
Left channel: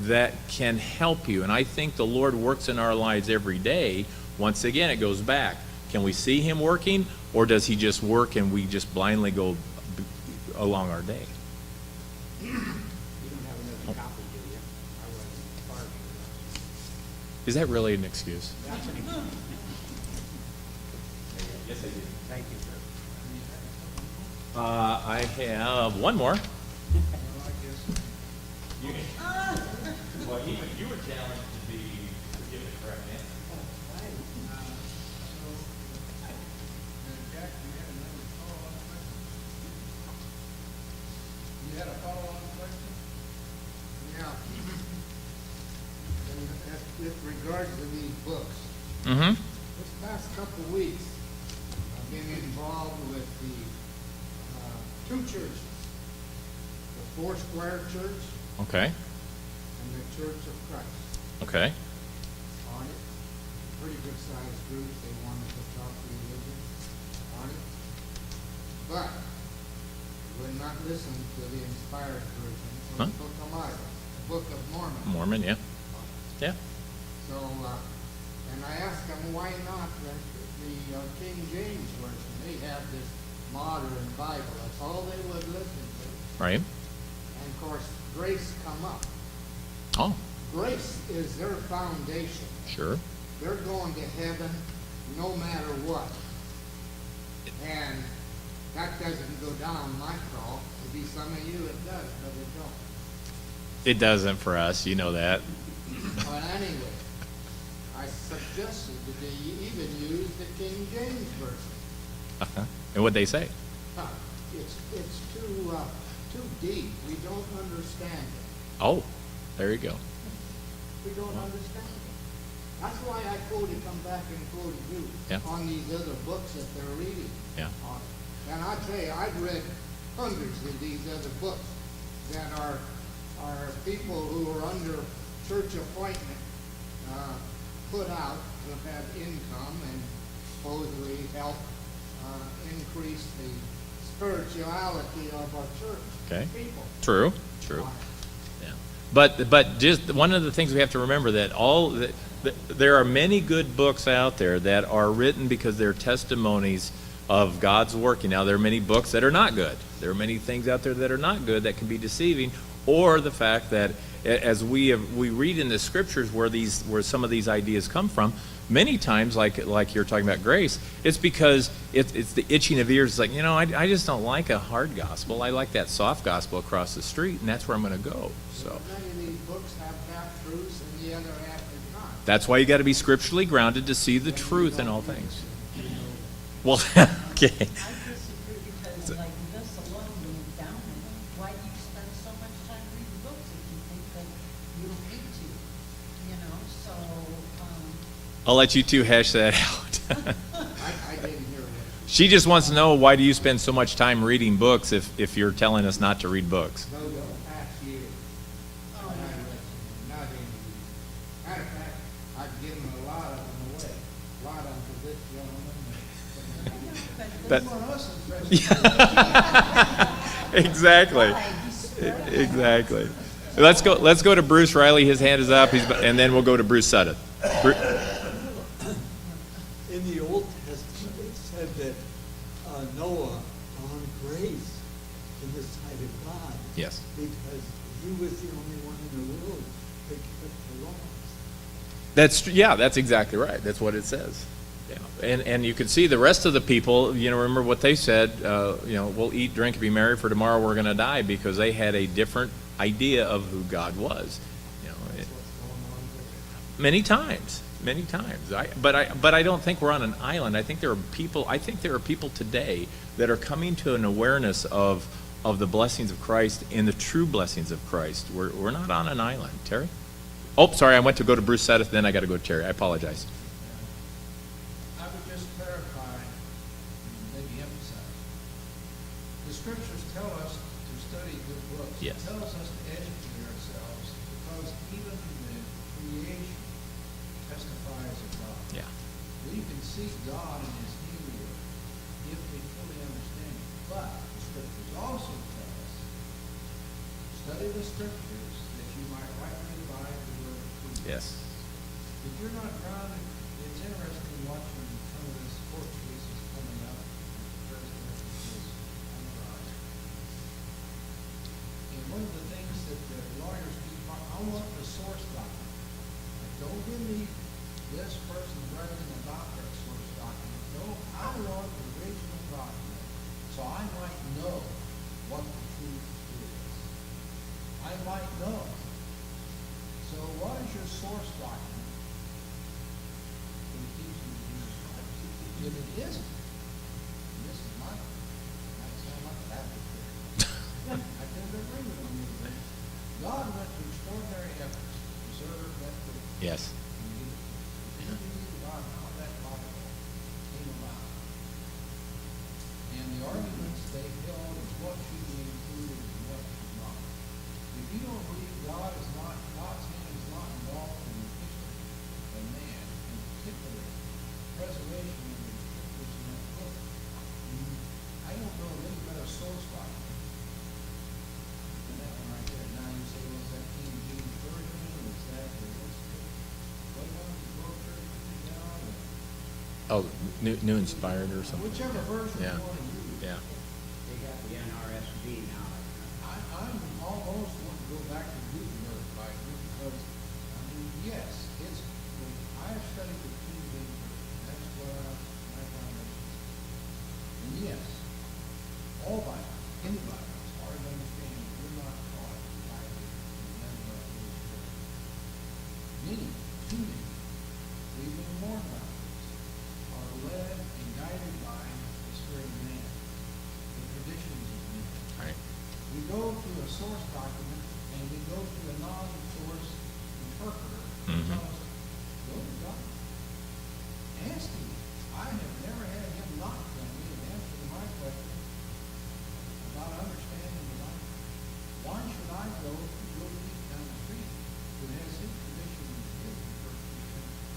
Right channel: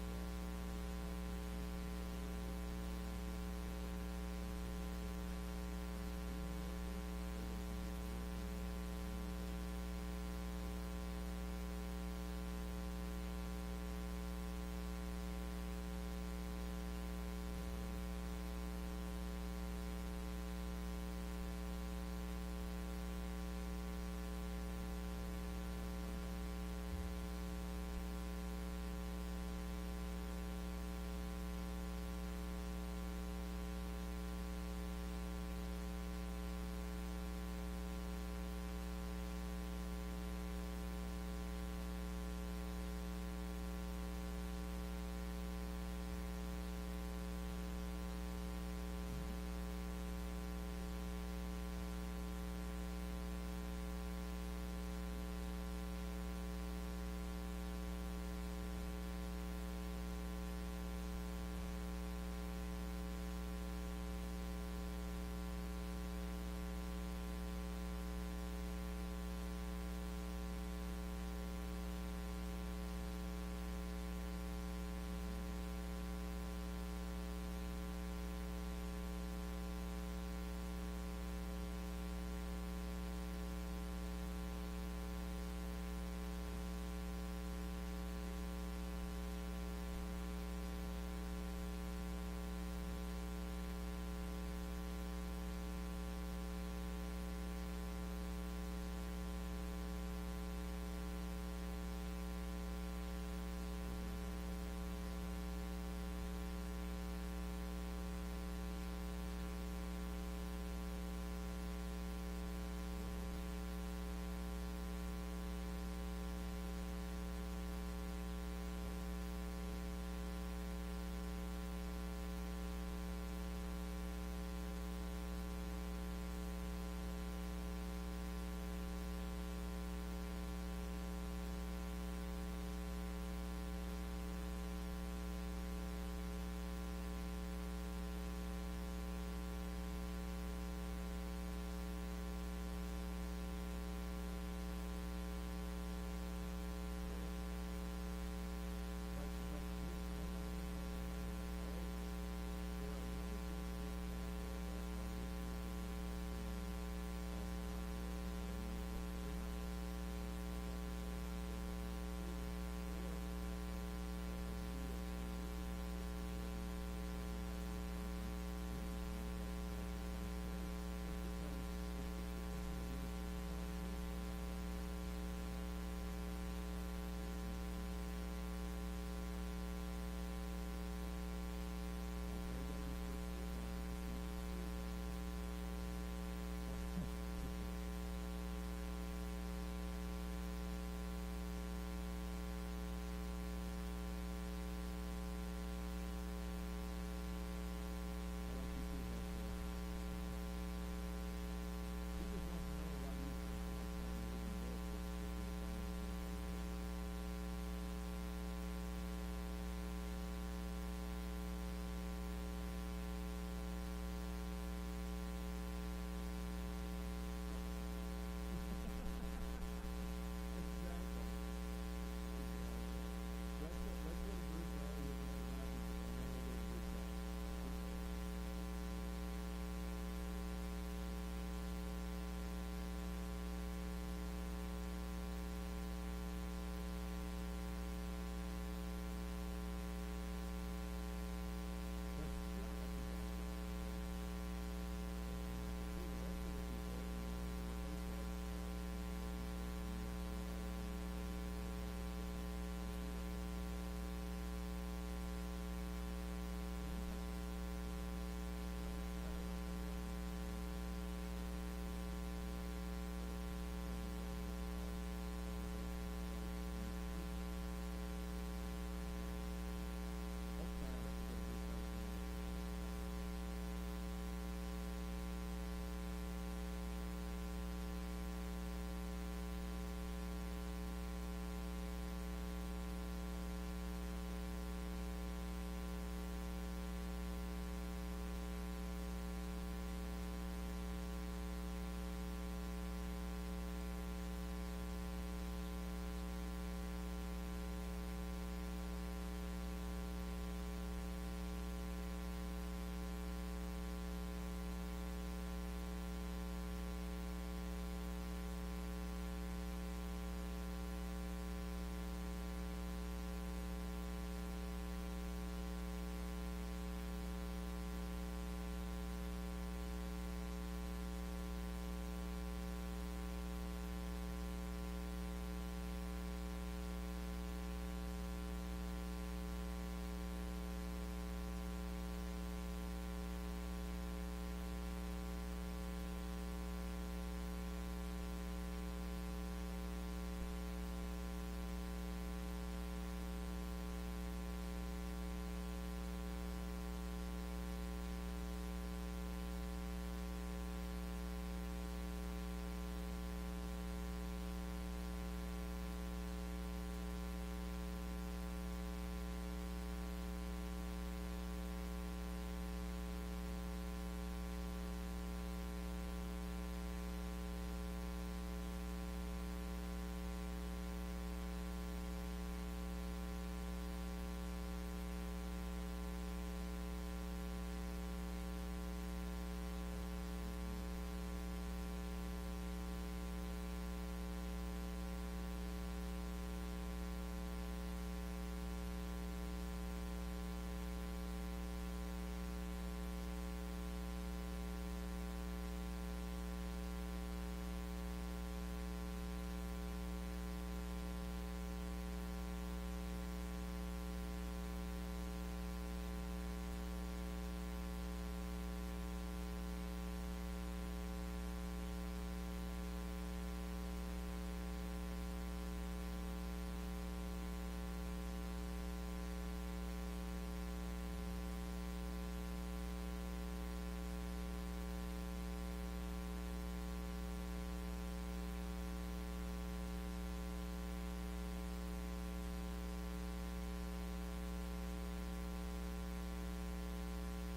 that can help you. And I think the Lord works in our lives every day. Once again, it goes back. Can we see him working, or does he just work and we just blindly go along our day? You don't have another copy, do you? I wasn't part of it. Is that really an excuse? That's an example. Yes, I do. Thank you, sir. I have one more. Well, you were challenged to be forgiven, correct, man? You had a follow-on question? Yeah. With regards to these books, Mm-hmm. this past couple of weeks, I've been involved with the two churches, the Foursquare Church Okay. and the Church of Christ. Okay. On it, pretty good sized group, they wanted to talk religion on it. But would not listen to the inspired version Huh? of the Book of Bible, the Book of Mormon. Mormon, yeah. Yeah. So, and I asked them, why not the King James Version? They have this modern Bible, that's all they would listen to. Right. And of course, grace come up. Oh, Grace is their foundation. sure. They're going to heaven no matter what. And that doesn't go down my crawl. Maybe some of you it does, but it don't. It doesn't for us, you know that. But anyway, I suggested that they even use the King James Version. Uh-huh. And what'd they say? Huh, it's too deep. We don't understand it. Oh, there you go. We don't understand it. That's why I come back and quoted you Yeah. on these other books that they're reading. Yeah. on. And I tell you, I've read hundreds of these other books that are people who are under church appointment, put out to have income and supposedly help increase the spirituality of our church Okay. people. True. True. Yeah. But just one of the things we have to remember that there are many good books out there that are written because they're testimonies of God's working. Now, there are many books that are not good. There are many things out there that are not good that can be deceiving, or the fact that as we read in the scriptures where some of these ideas come from, many times, like you're talking about grace, it's because it's the itching of ears. It's like, I just don't like a hard gospel. I like that soft gospel across the street, and that's where I'm going to go. So Many of these books have half truths and the other half is not. that's why you got to be scripturally grounded to see the truth in all things. Well, okay. I disagree because like this alone, when you down it, why do you spend so much time reading books if you think that you don't need to? So, I'll let you two hash that out. I didn't hear that. She just wants to know, why do you spend so much time reading books if you're telling us not to read books? No, the past year. Not in. Matter of fact, I've given a lot of them away. A lot of them to this That- gentleman. Exactly. Exactly. Let's go to Bruce Riley. His hand is up, and then we'll go to Bruce Sutton. In the Old Testament, it said that Noah found grace in the sight of God. Yes. Because he was the only one in the world that kept the laws. That's exactly right. That's what it says. Yeah. And you can see the rest of the people, remember what they said, we'll eat, drink, and be merry, for tomorrow we're going to die, because they had a different idea of who God was. Many times. But I don't think we're on an island. I think there are people today that are coming to an awareness of of the blessings of Christ and the true blessings of Christ. We're not on an island. Terry? Oh, sorry, I went to go to Bruce Sedith, then I got to go to Terry. I apologize. I would just clarify, maybe emphasize. The scriptures tell us to study good books. Yes. It tells us to educate ourselves because even the creation testifies of God. Yeah. We can see God in his handiwork if we fully understand it. But the scriptures also tell us, study the scriptures that you might rightly divide the word of truth. Yes. If you're not grounded, it's interesting watching some of these court cases coming up. The president is on the rise. And one of the things that the lawyers do, I want the source document. Don't believe this person writing about their source document. No, I want the original document, so I might know what the truth is. I might know. So what is your source document? If it isn't, and this is my, might sound like an advocate. I tend to agree with you. God went to extraordinary efforts to preserve that truth. Yes. You believe God how that Bible came about. And the arguments they held is what should be included and what should not. If you don't believe God is not, God's hand is not involved in the history of man, in particular, preservation of the scriptures in that book, I don't know any better source document than that one right there. Now you say, was that King James Version, or is that, what one, the book, Oh, New Inspired or something. whichever version you Yeah. want to use. Yeah. They got the NRSV now. I'm almost want to go back to Gutenberg Bible because, I mean, yes, it's, I've studied the King James Version. That's where my foundation is. And yes, all Bibles, any Bibles, as far as I understand, we're not taught the Bible in that way. Many, too many, even more Bibles are led and guided by the Spirit of man, the traditions of men. Right. We go to a source document and we go to a non-source interpreter who Mhm. tells us, go to God. Ask him. I have never had him not tell me and answer my question about understanding the Bible. Why should I go to Joe Pete down the street who has his tradition and scripture?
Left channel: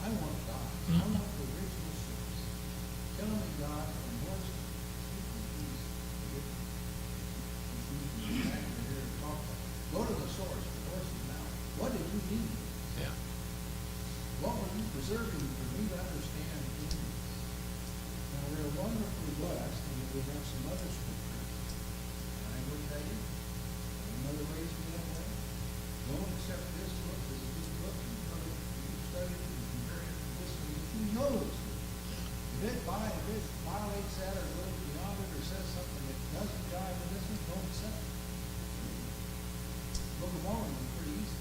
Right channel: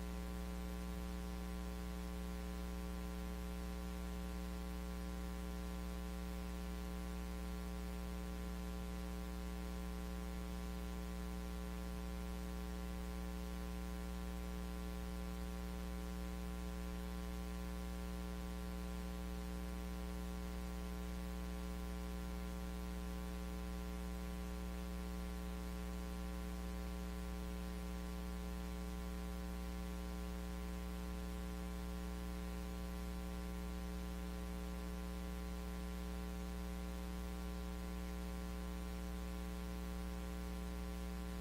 I want God. I want the original source. Tell me God and what's the Go to the source, the voice of mouth. What did you mean? Yeah. What were you preserving for me to understand? Now, we're wonderfully blessed, and we have some other scriptures. And I will tell you, another ways we that way. Don't accept this book as a good book and try to study it and compare it to this one. If you know it's good, if it violates that or goes beyond it or says something that doesn't jive with this one, don't accept it. Book of Mormon is pretty easy.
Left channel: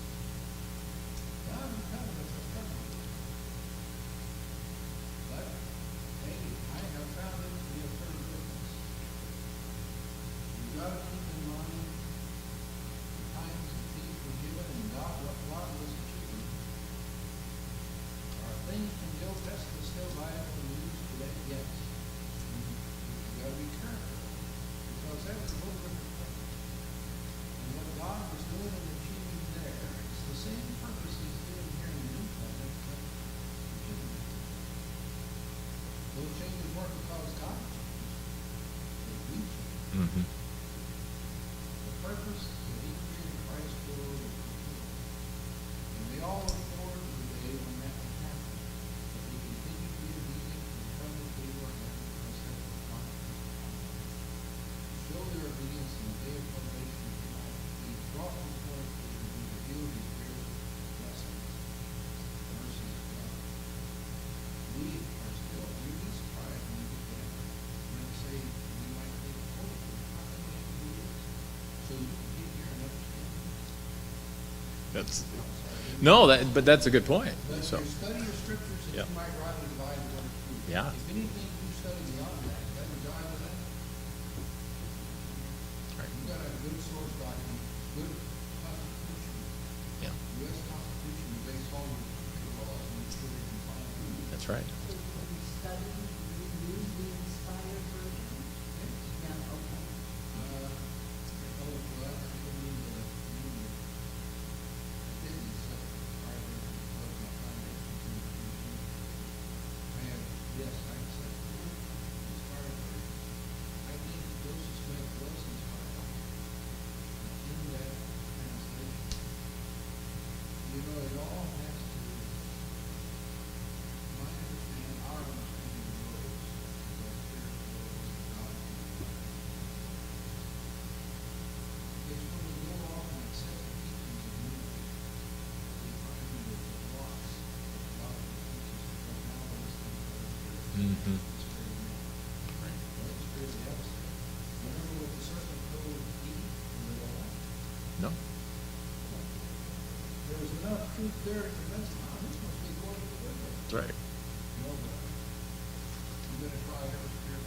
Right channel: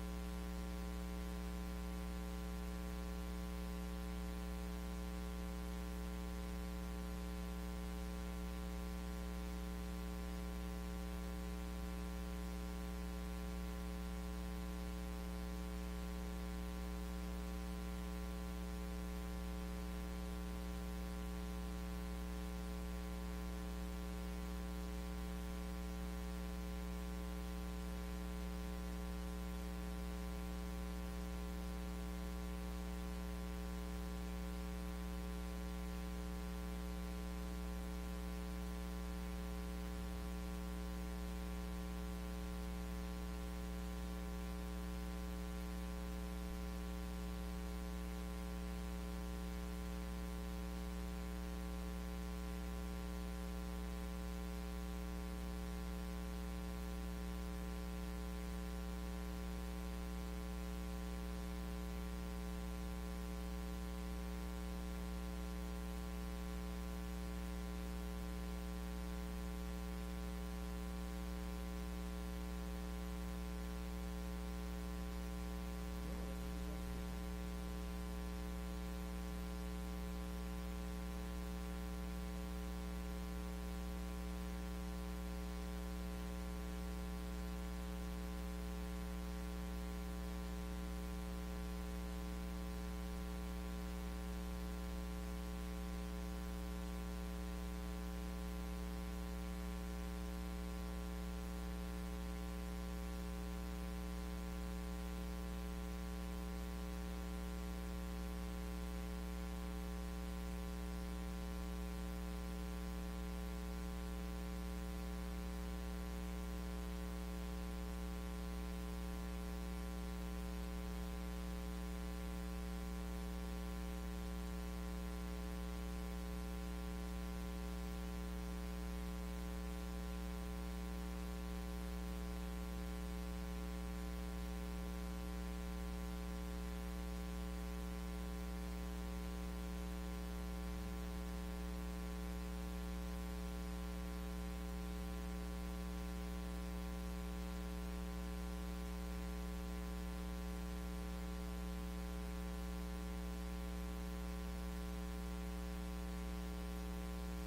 God is telling us to study it. But, hey, I have found it to be a pretty good one. You've got to keep in mind the times that things were given and God, what God was achieving. Are things from the Old Testament still viable and used today? Yes. You've got to be careful, because that's a whole different thing. And what God was doing and achieving there, it's the same purpose he's doing here in the New Covenant. Those changes weren't because God changed, but we changed. Mm-hmm. The purpose that he created Christ for was fulfilled. And we all look forward to the day when that will happen. That we continue to be obedient and come to the work of God. Show their obedience in the day of salvation tonight. Be brought before the Lord and reveal his gracious blessings, mercy, and love. We are still in this quiet when we get there. And say, we might be holy, how can we do this? So you can get here and understand. That's no, but that's a good point. But So you study your scriptures and Yeah. you might rightly divide the word of truth. Yeah. If anything you study beyond that, doesn't jive with that, you got That's right. So when you study, you use the inspired version? Yeah, okay. Mhm. No. There was enough truth there to convince them, oh, this must be going to work. That's right. No, but you gotta try every year.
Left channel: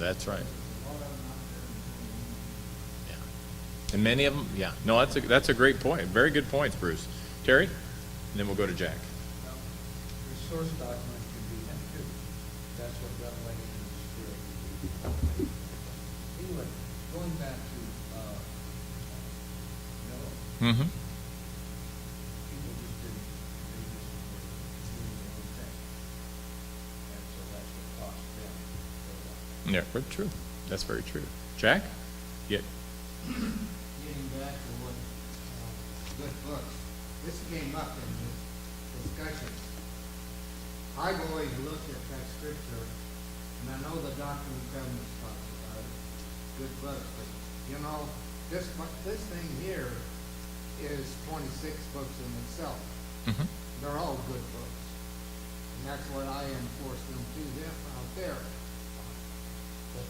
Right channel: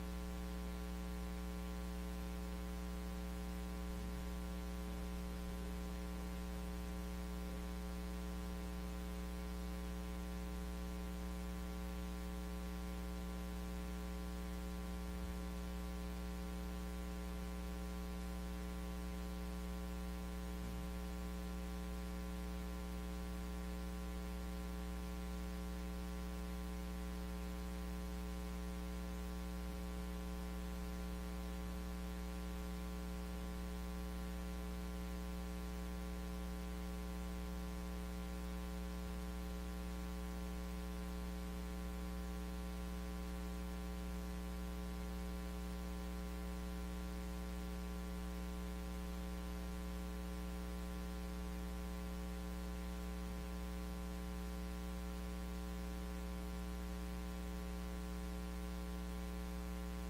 That's right. A lot of them out there. Yeah. And many of them, yeah. No, that's a great point. Very good points, Bruce. Terry? And then we'll go to Jack. The source document can be empty. That's what Revelation is for. Anyway, going back to, Noah, Mm-hmm. people just didn't, they just were doing their own thing. And so that's what cost them. Yeah, very true. That's very true. Jack? Yeah. Getting back to what, good books, this came up in the discussion. I've always looked at that scripture, and I know the Doctrine and Covenants are good books, but, you know, this thing here is 26 books in itself. Mm-hmm. They're all good books. And that's what I enforce them to them out there. But,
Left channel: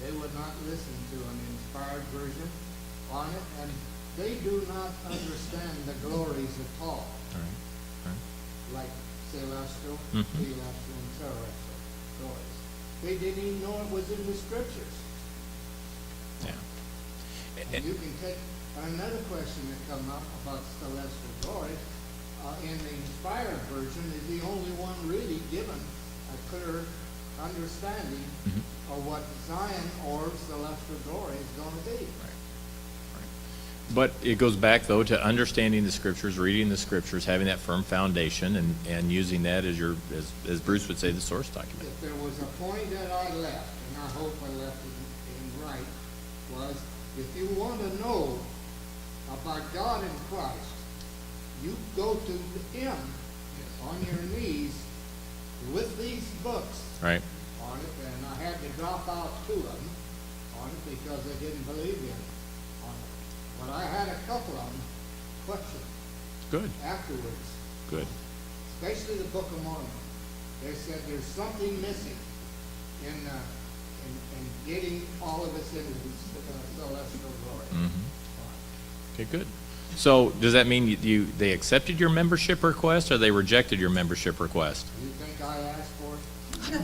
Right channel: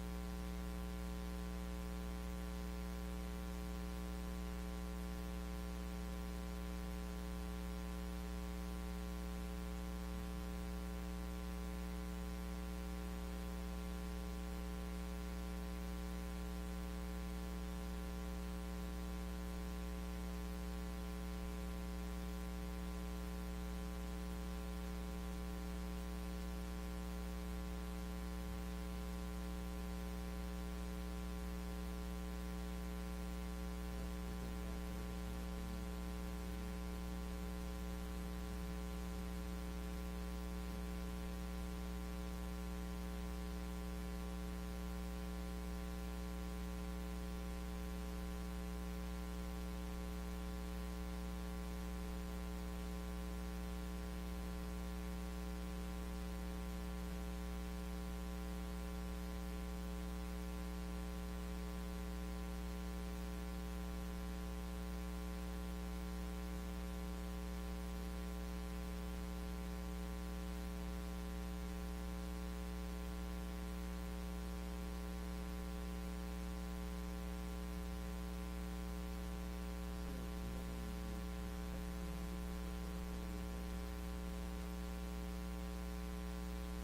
they would not listen to an inspired version on it, and they do not understand the glories of Paul, like celestial, Mhm. celestial, and celestial glories. They didn't even know it was in the scriptures. Yeah. And you can take another question that come up about celestial glories. In the inspired version, is the only one really given a clear understanding Mhm. of what Zion or celestial glory is going to be. But it goes back, though, to understanding the scriptures, reading the scriptures, having that firm foundation, and using that as your, as Bruce would say, the source document. If there was a point that I left, and I hope I left it in right, was if you want to know about God in Christ, you go to Him on your knees with these books Right? on it, and I had to drop out two of them on it because I didn't believe in it on it. But I had a couple of them question Good. afterwards, Good. especially the Book of Mormon. They said there's something missing in getting all of us into this celestial glory. Mhm. Okay, good. So does that mean they accepted your membership request, or they rejected your membership request? You think I asked for it?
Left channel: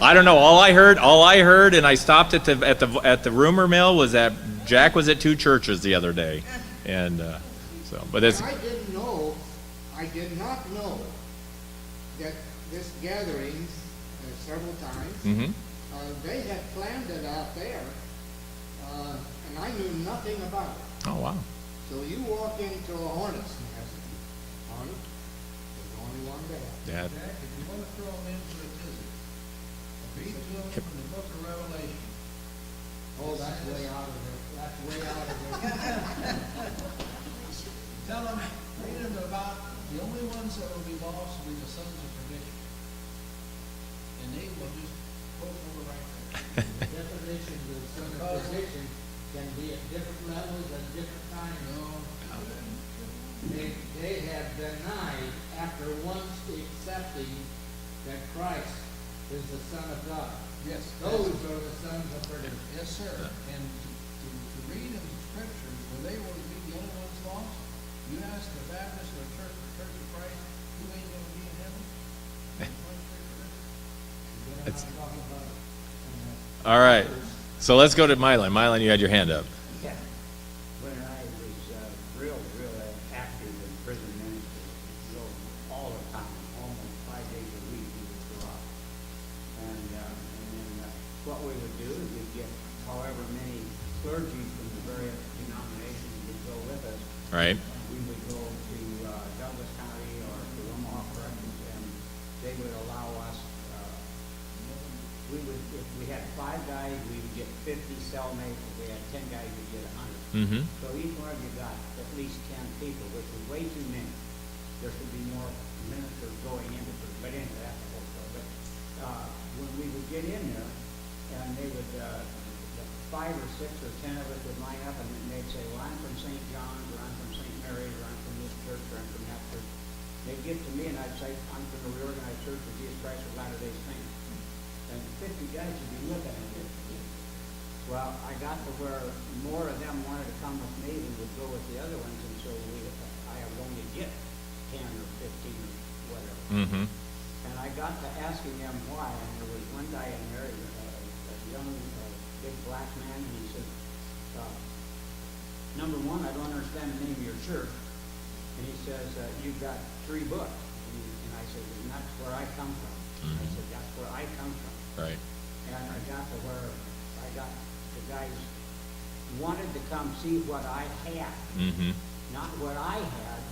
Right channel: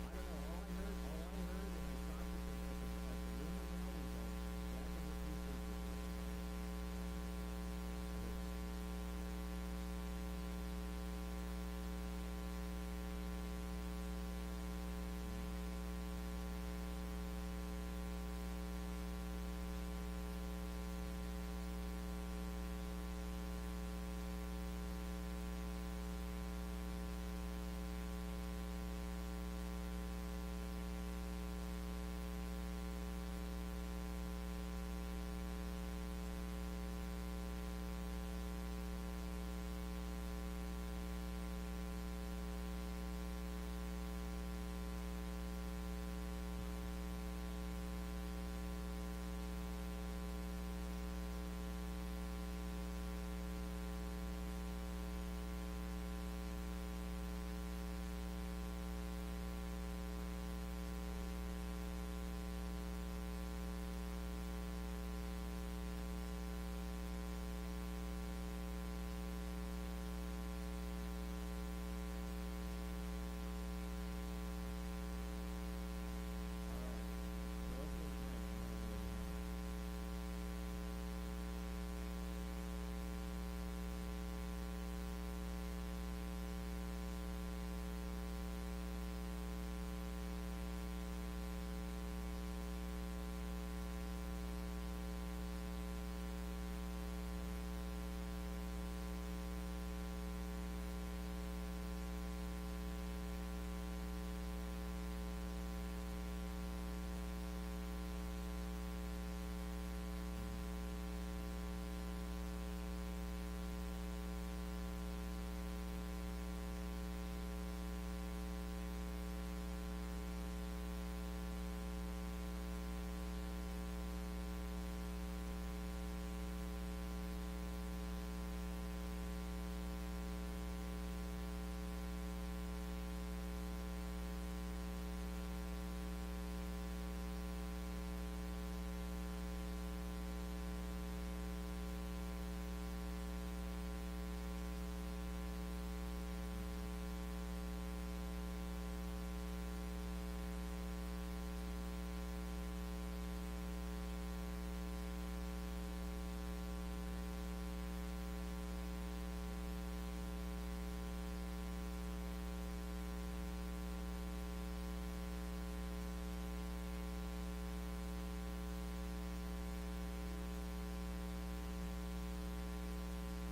I don't know. All I heard, and I stopped at the rumor mill, was that Jack was at 2 churches the other day, and so. But it's I did not know that this gatherings several times, mm-hmm. they had planned it out there, and I knew nothing about it. Oh wow. So you walk into a hornet's nest, on it, there's only one there. Yeah. Jack, if you want to throw them in for a tizzy, read to them from the book of Revelation. Oh, that's way out of it, that's way out of it. Tell them, read them about the only ones that will be lost will be the sons of perdition. And they will just go for the right thing. Definition of son of perdition can be at different levels at different times. They have denied after once accepting that Christ is the Son of God. Yes. Those are the sons of perdition. Yes, sir. And to read in the scriptures where they will be the only ones lost, you ask the Baptist or Church of Christ, who ain't gonna be in heaven? It's- all right. So let's go to Mylan. Mylan, you had your hand up. Yeah. When I was real active in prison ministry, so all the time, almost 5 days a Right. We would go to Douglas County or to Omaha Corrections, and they would allow us, we would, if we had 5 guys, we would get 50 cellmates. If we had 10 guys, we'd get 100. Mm-hmm. So each one of you got at least 10 people, which is way too many. There should be more ministers going into it, but anyway, that's the whole story. But when we would get in there, and they would, 5 or 6 or 10 of us would line up, and they'd say, well, I'm from St. John's, or I'm from St. Mary's, or I'm from this church, or I'm from that church. They'd get to me, and I'd say, I'm from the reorganized church of Jesus Christ of Latter-day Saints. And 50 guys would be looking at me. Well, I got to where more of them wanted to come with me than would go with the other ones, and so I would only get 10 or 15 or whatever. Mm-hmm. And I got to asking them why, and there was one guy in there, a young, big black man, and he said, number one, I don't understand the name of your church. And he says, you've got 3 books. And I said, and that's where I come from. I said, that's where I come from. Right. And I got to where I got the guys wanted to come see what I had. Mm-hmm. Not what I had,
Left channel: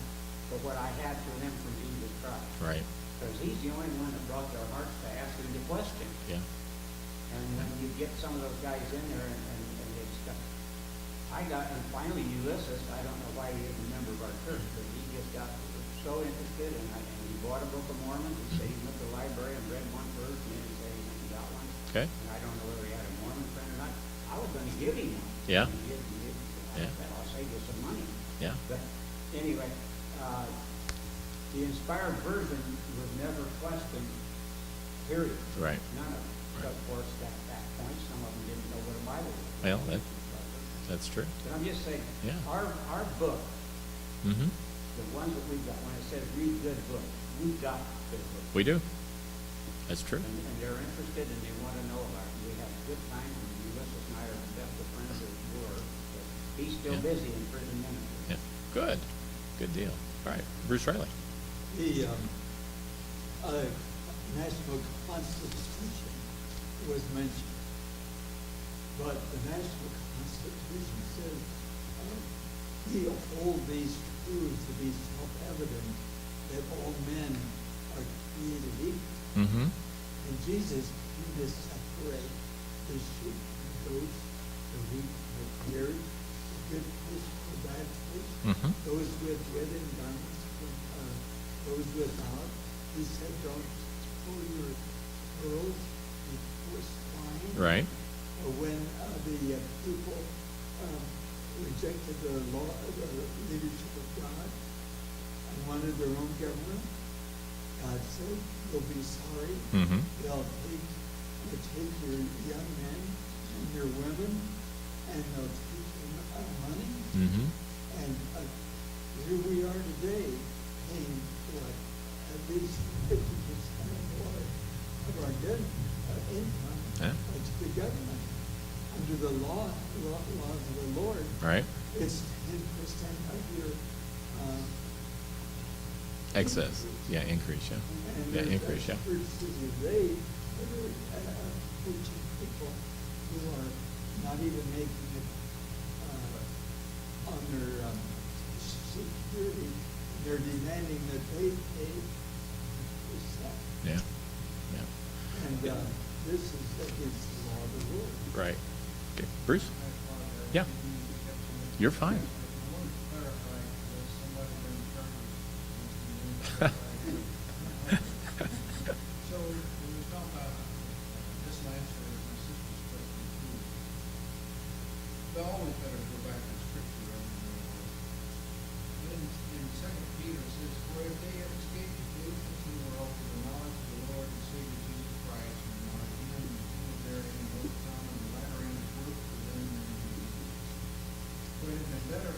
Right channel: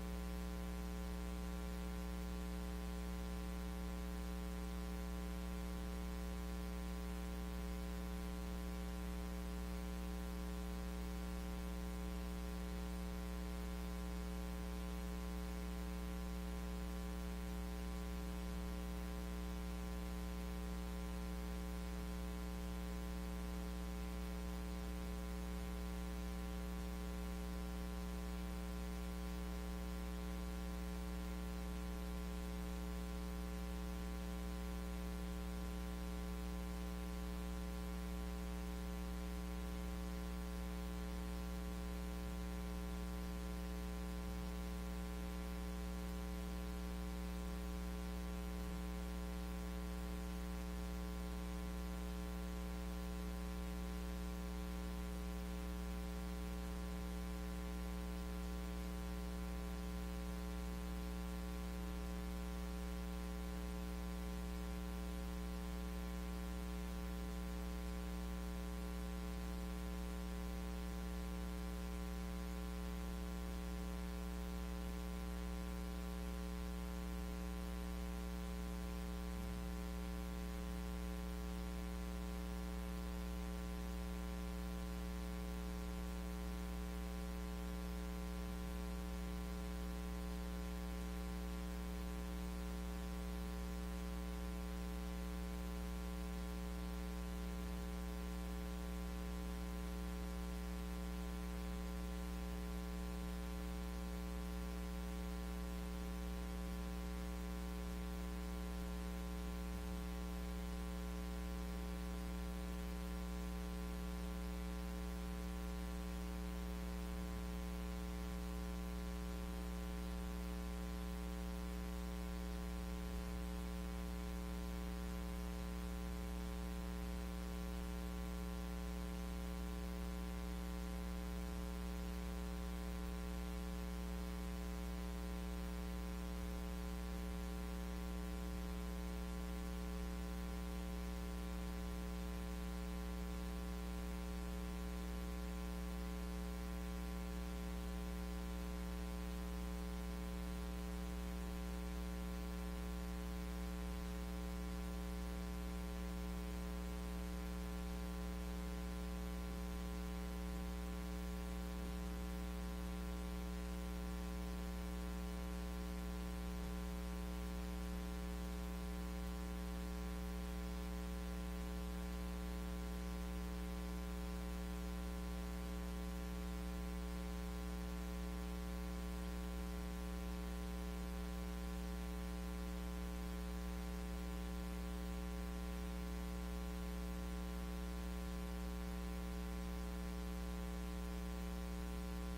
but what I had for them from Jesus Christ. Right. Because he's the only one that brought their hearts to asking the question. Yeah. And when you get some of those guys in there and they stuff, and finally Ulysses, I don't know why he is a member of our church, but he just got so interested, and he bought a Book of Mormon. He said he went to the library and read one verse, and he said he got one. Okay. And I don't know whether he had a Mormon friend or not. I was going to give him one. Yeah. He didn't. Yeah. I'll save you some money. Yeah. But anyway, the inspired version was never questioned, period. Right. None of it. Right. Of course, at that point, some of them didn't know what a Bible was. Well, that's true. But I'm just saying, Yeah. our book, Mm-hmm. the ones that we've got, when I said read good book, we've got good book. We do. That's true. And they're interested and they want to know about it. We have a good time, and Ulysses and I are the best of friends that we were. He's still Yeah. busy in prison ministry. Yeah. Good. Good deal. All right. Bruce Riley. The National Constitution was mentioned, but the National Constitution says we hold these truths to be self-evident that all men are created equal. Mm-hmm. And Jesus came to separate the sheep from those, the wheat from the tares, the good fish from the bad fish, Mm-hmm. those with wedded garments from those without. He said, don't throw your pearls before swine. Right. When the people rejected the law, the leadership of God, and wanted their own government, God said, they'll be sorry. Mm-hmm. They'll take your young men and your women, and they'll take them money. Mm-hmm. And here we are today, paying what, at least 50% of our good income Yeah. to the government. Under the laws of the Lord, Right. it's 10% of your Excess. Yeah. Increase. Yeah. and Yeah. there's Increase. Yeah. verses of rage, preaching people who are not even making it on their security. They're demanding that they pay percent. Yeah. Yeah. And this is against the law of the Lord. Right. Okay. Bruce. Yeah. You're fine. So when we talk about this landscape, my sister's question, we always better go back to scripture. In Second Peter it says, for if they have escaped the pollutions of the world through the knowledge of the Lord and Savior Jesus Christ, and not even if there in both time and latter end work for them in Jesus. Would it have been better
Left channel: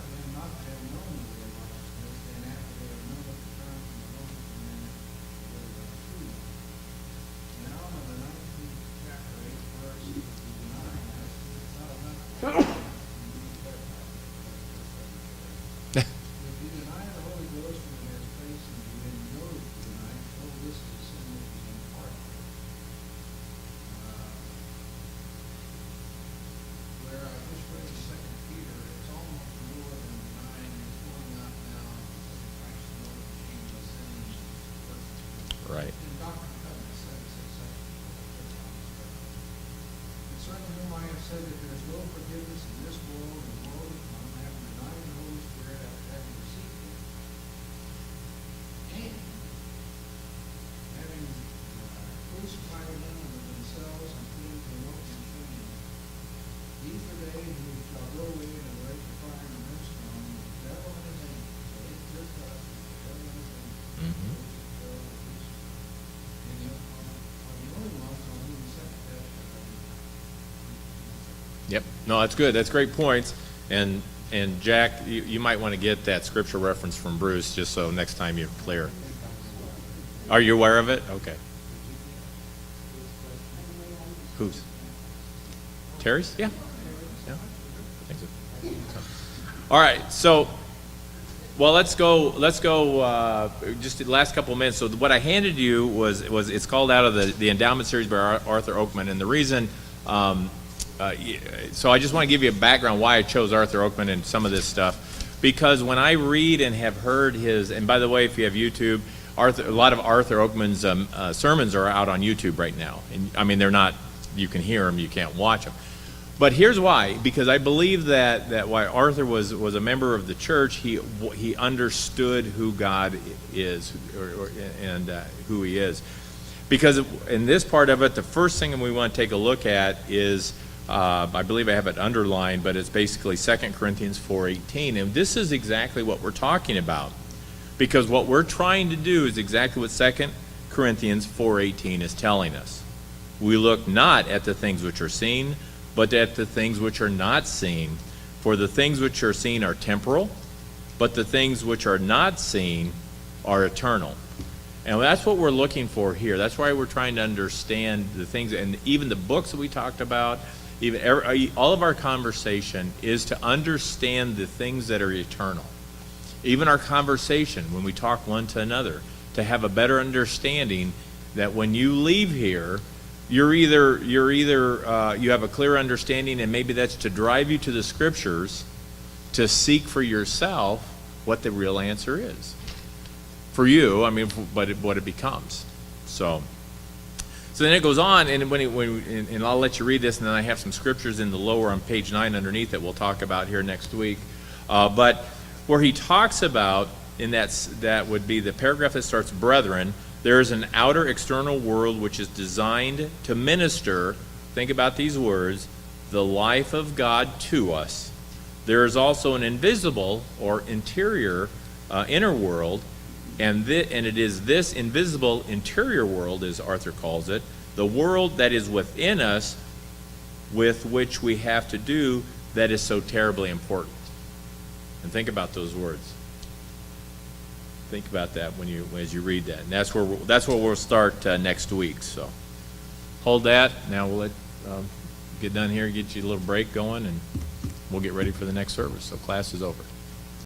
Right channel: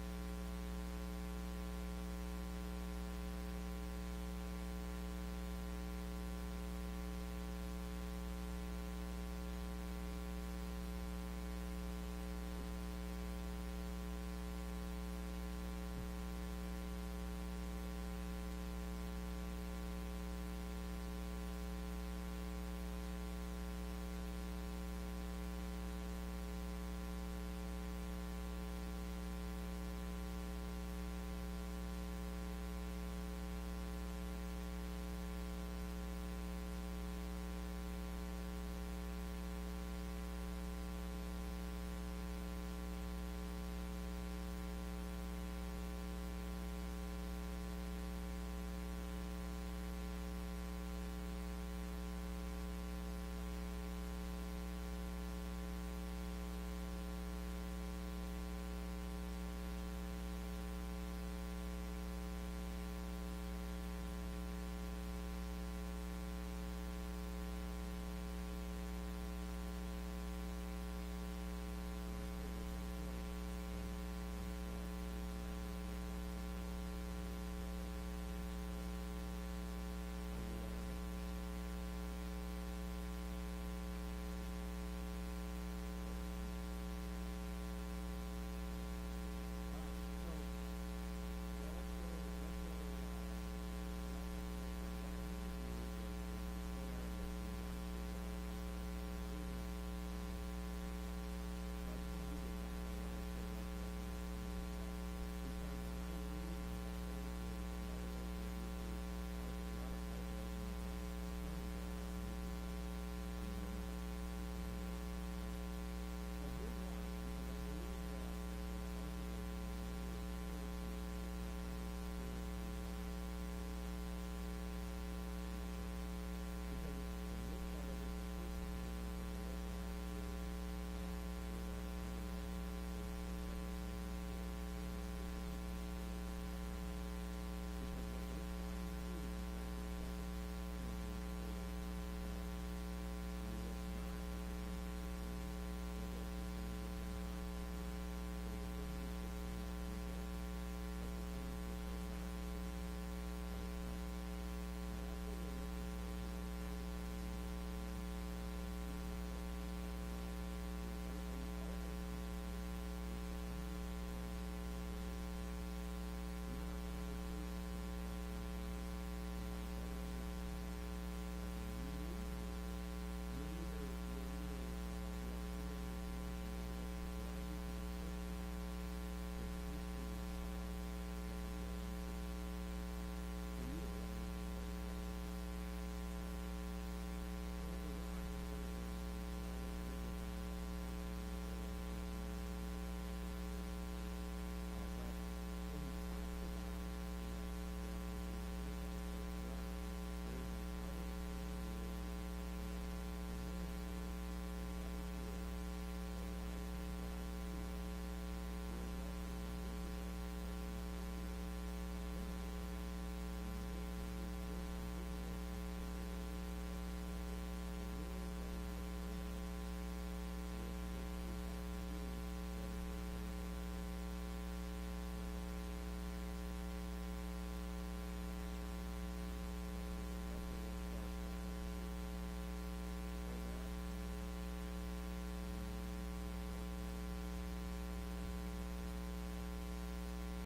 Yep, no, that's good, that's great points, and Jack, you might want to get that scripture reference from Bruce, just so next time you're clear. Are you aware of it? Okay. Whose? Terry's? Yeah. Yeah. Thank you. All right, so, well, let's go, just the last couple of minutes. So what I handed you was it's called out of the endowment series by Arthur Oakman, and the reason, so I just want to give you a background why I chose Arthur Oakman and some of this stuff, because when I read and have heard his, and by the way, if you have YouTube, a lot of Arthur Oakman's sermons are out on YouTube right now, and I mean, they're not, you can hear them, you can't watch them. But here's why, because I believe that why Arthur was a member of the church, he understood who God is, and who he is. Because in this part of it, the first thing we want to take a look at is, I believe I have it underlined, but it's basically 2 Corinthians 4:18, and this is exactly what we're talking about. Because what we're trying to do is exactly what 2 Corinthians 4:18 is telling us. We look not at the things which are seen, but at the things which are not seen. For the things which are seen are temporal, but the things which are not seen are eternal. And that's what we're looking for here. That's why we're trying to understand the things, and even the books that we talked about, even all of our conversation is to understand the things that are eternal. Even our conversation, when we talk one to another, to have a better understanding that when you leave here, you have a clear understanding, and maybe that's to drive you to the scriptures to seek for yourself what the real answer is. For you, I mean, but what it becomes. So then it goes on, and and I'll let you read this, and then I have some scriptures in the lower on page 9 underneath that we'll talk about here next week. But where he talks about, and that would be the paragraph that starts, brethren, there is an outer external world which is designed to minister, think about these words, the life of God to us. There is also an invisible or interior, inner world, and it is this invisible interior world, as Arthur calls it, the world that is within us, with which we have to do, that is so terribly important. And think about those words. Think about that as you read that. And that's where we'll start next week. So hold that. Now we'll get done here, get you a little break going, and we'll get ready for the next service. So class is over.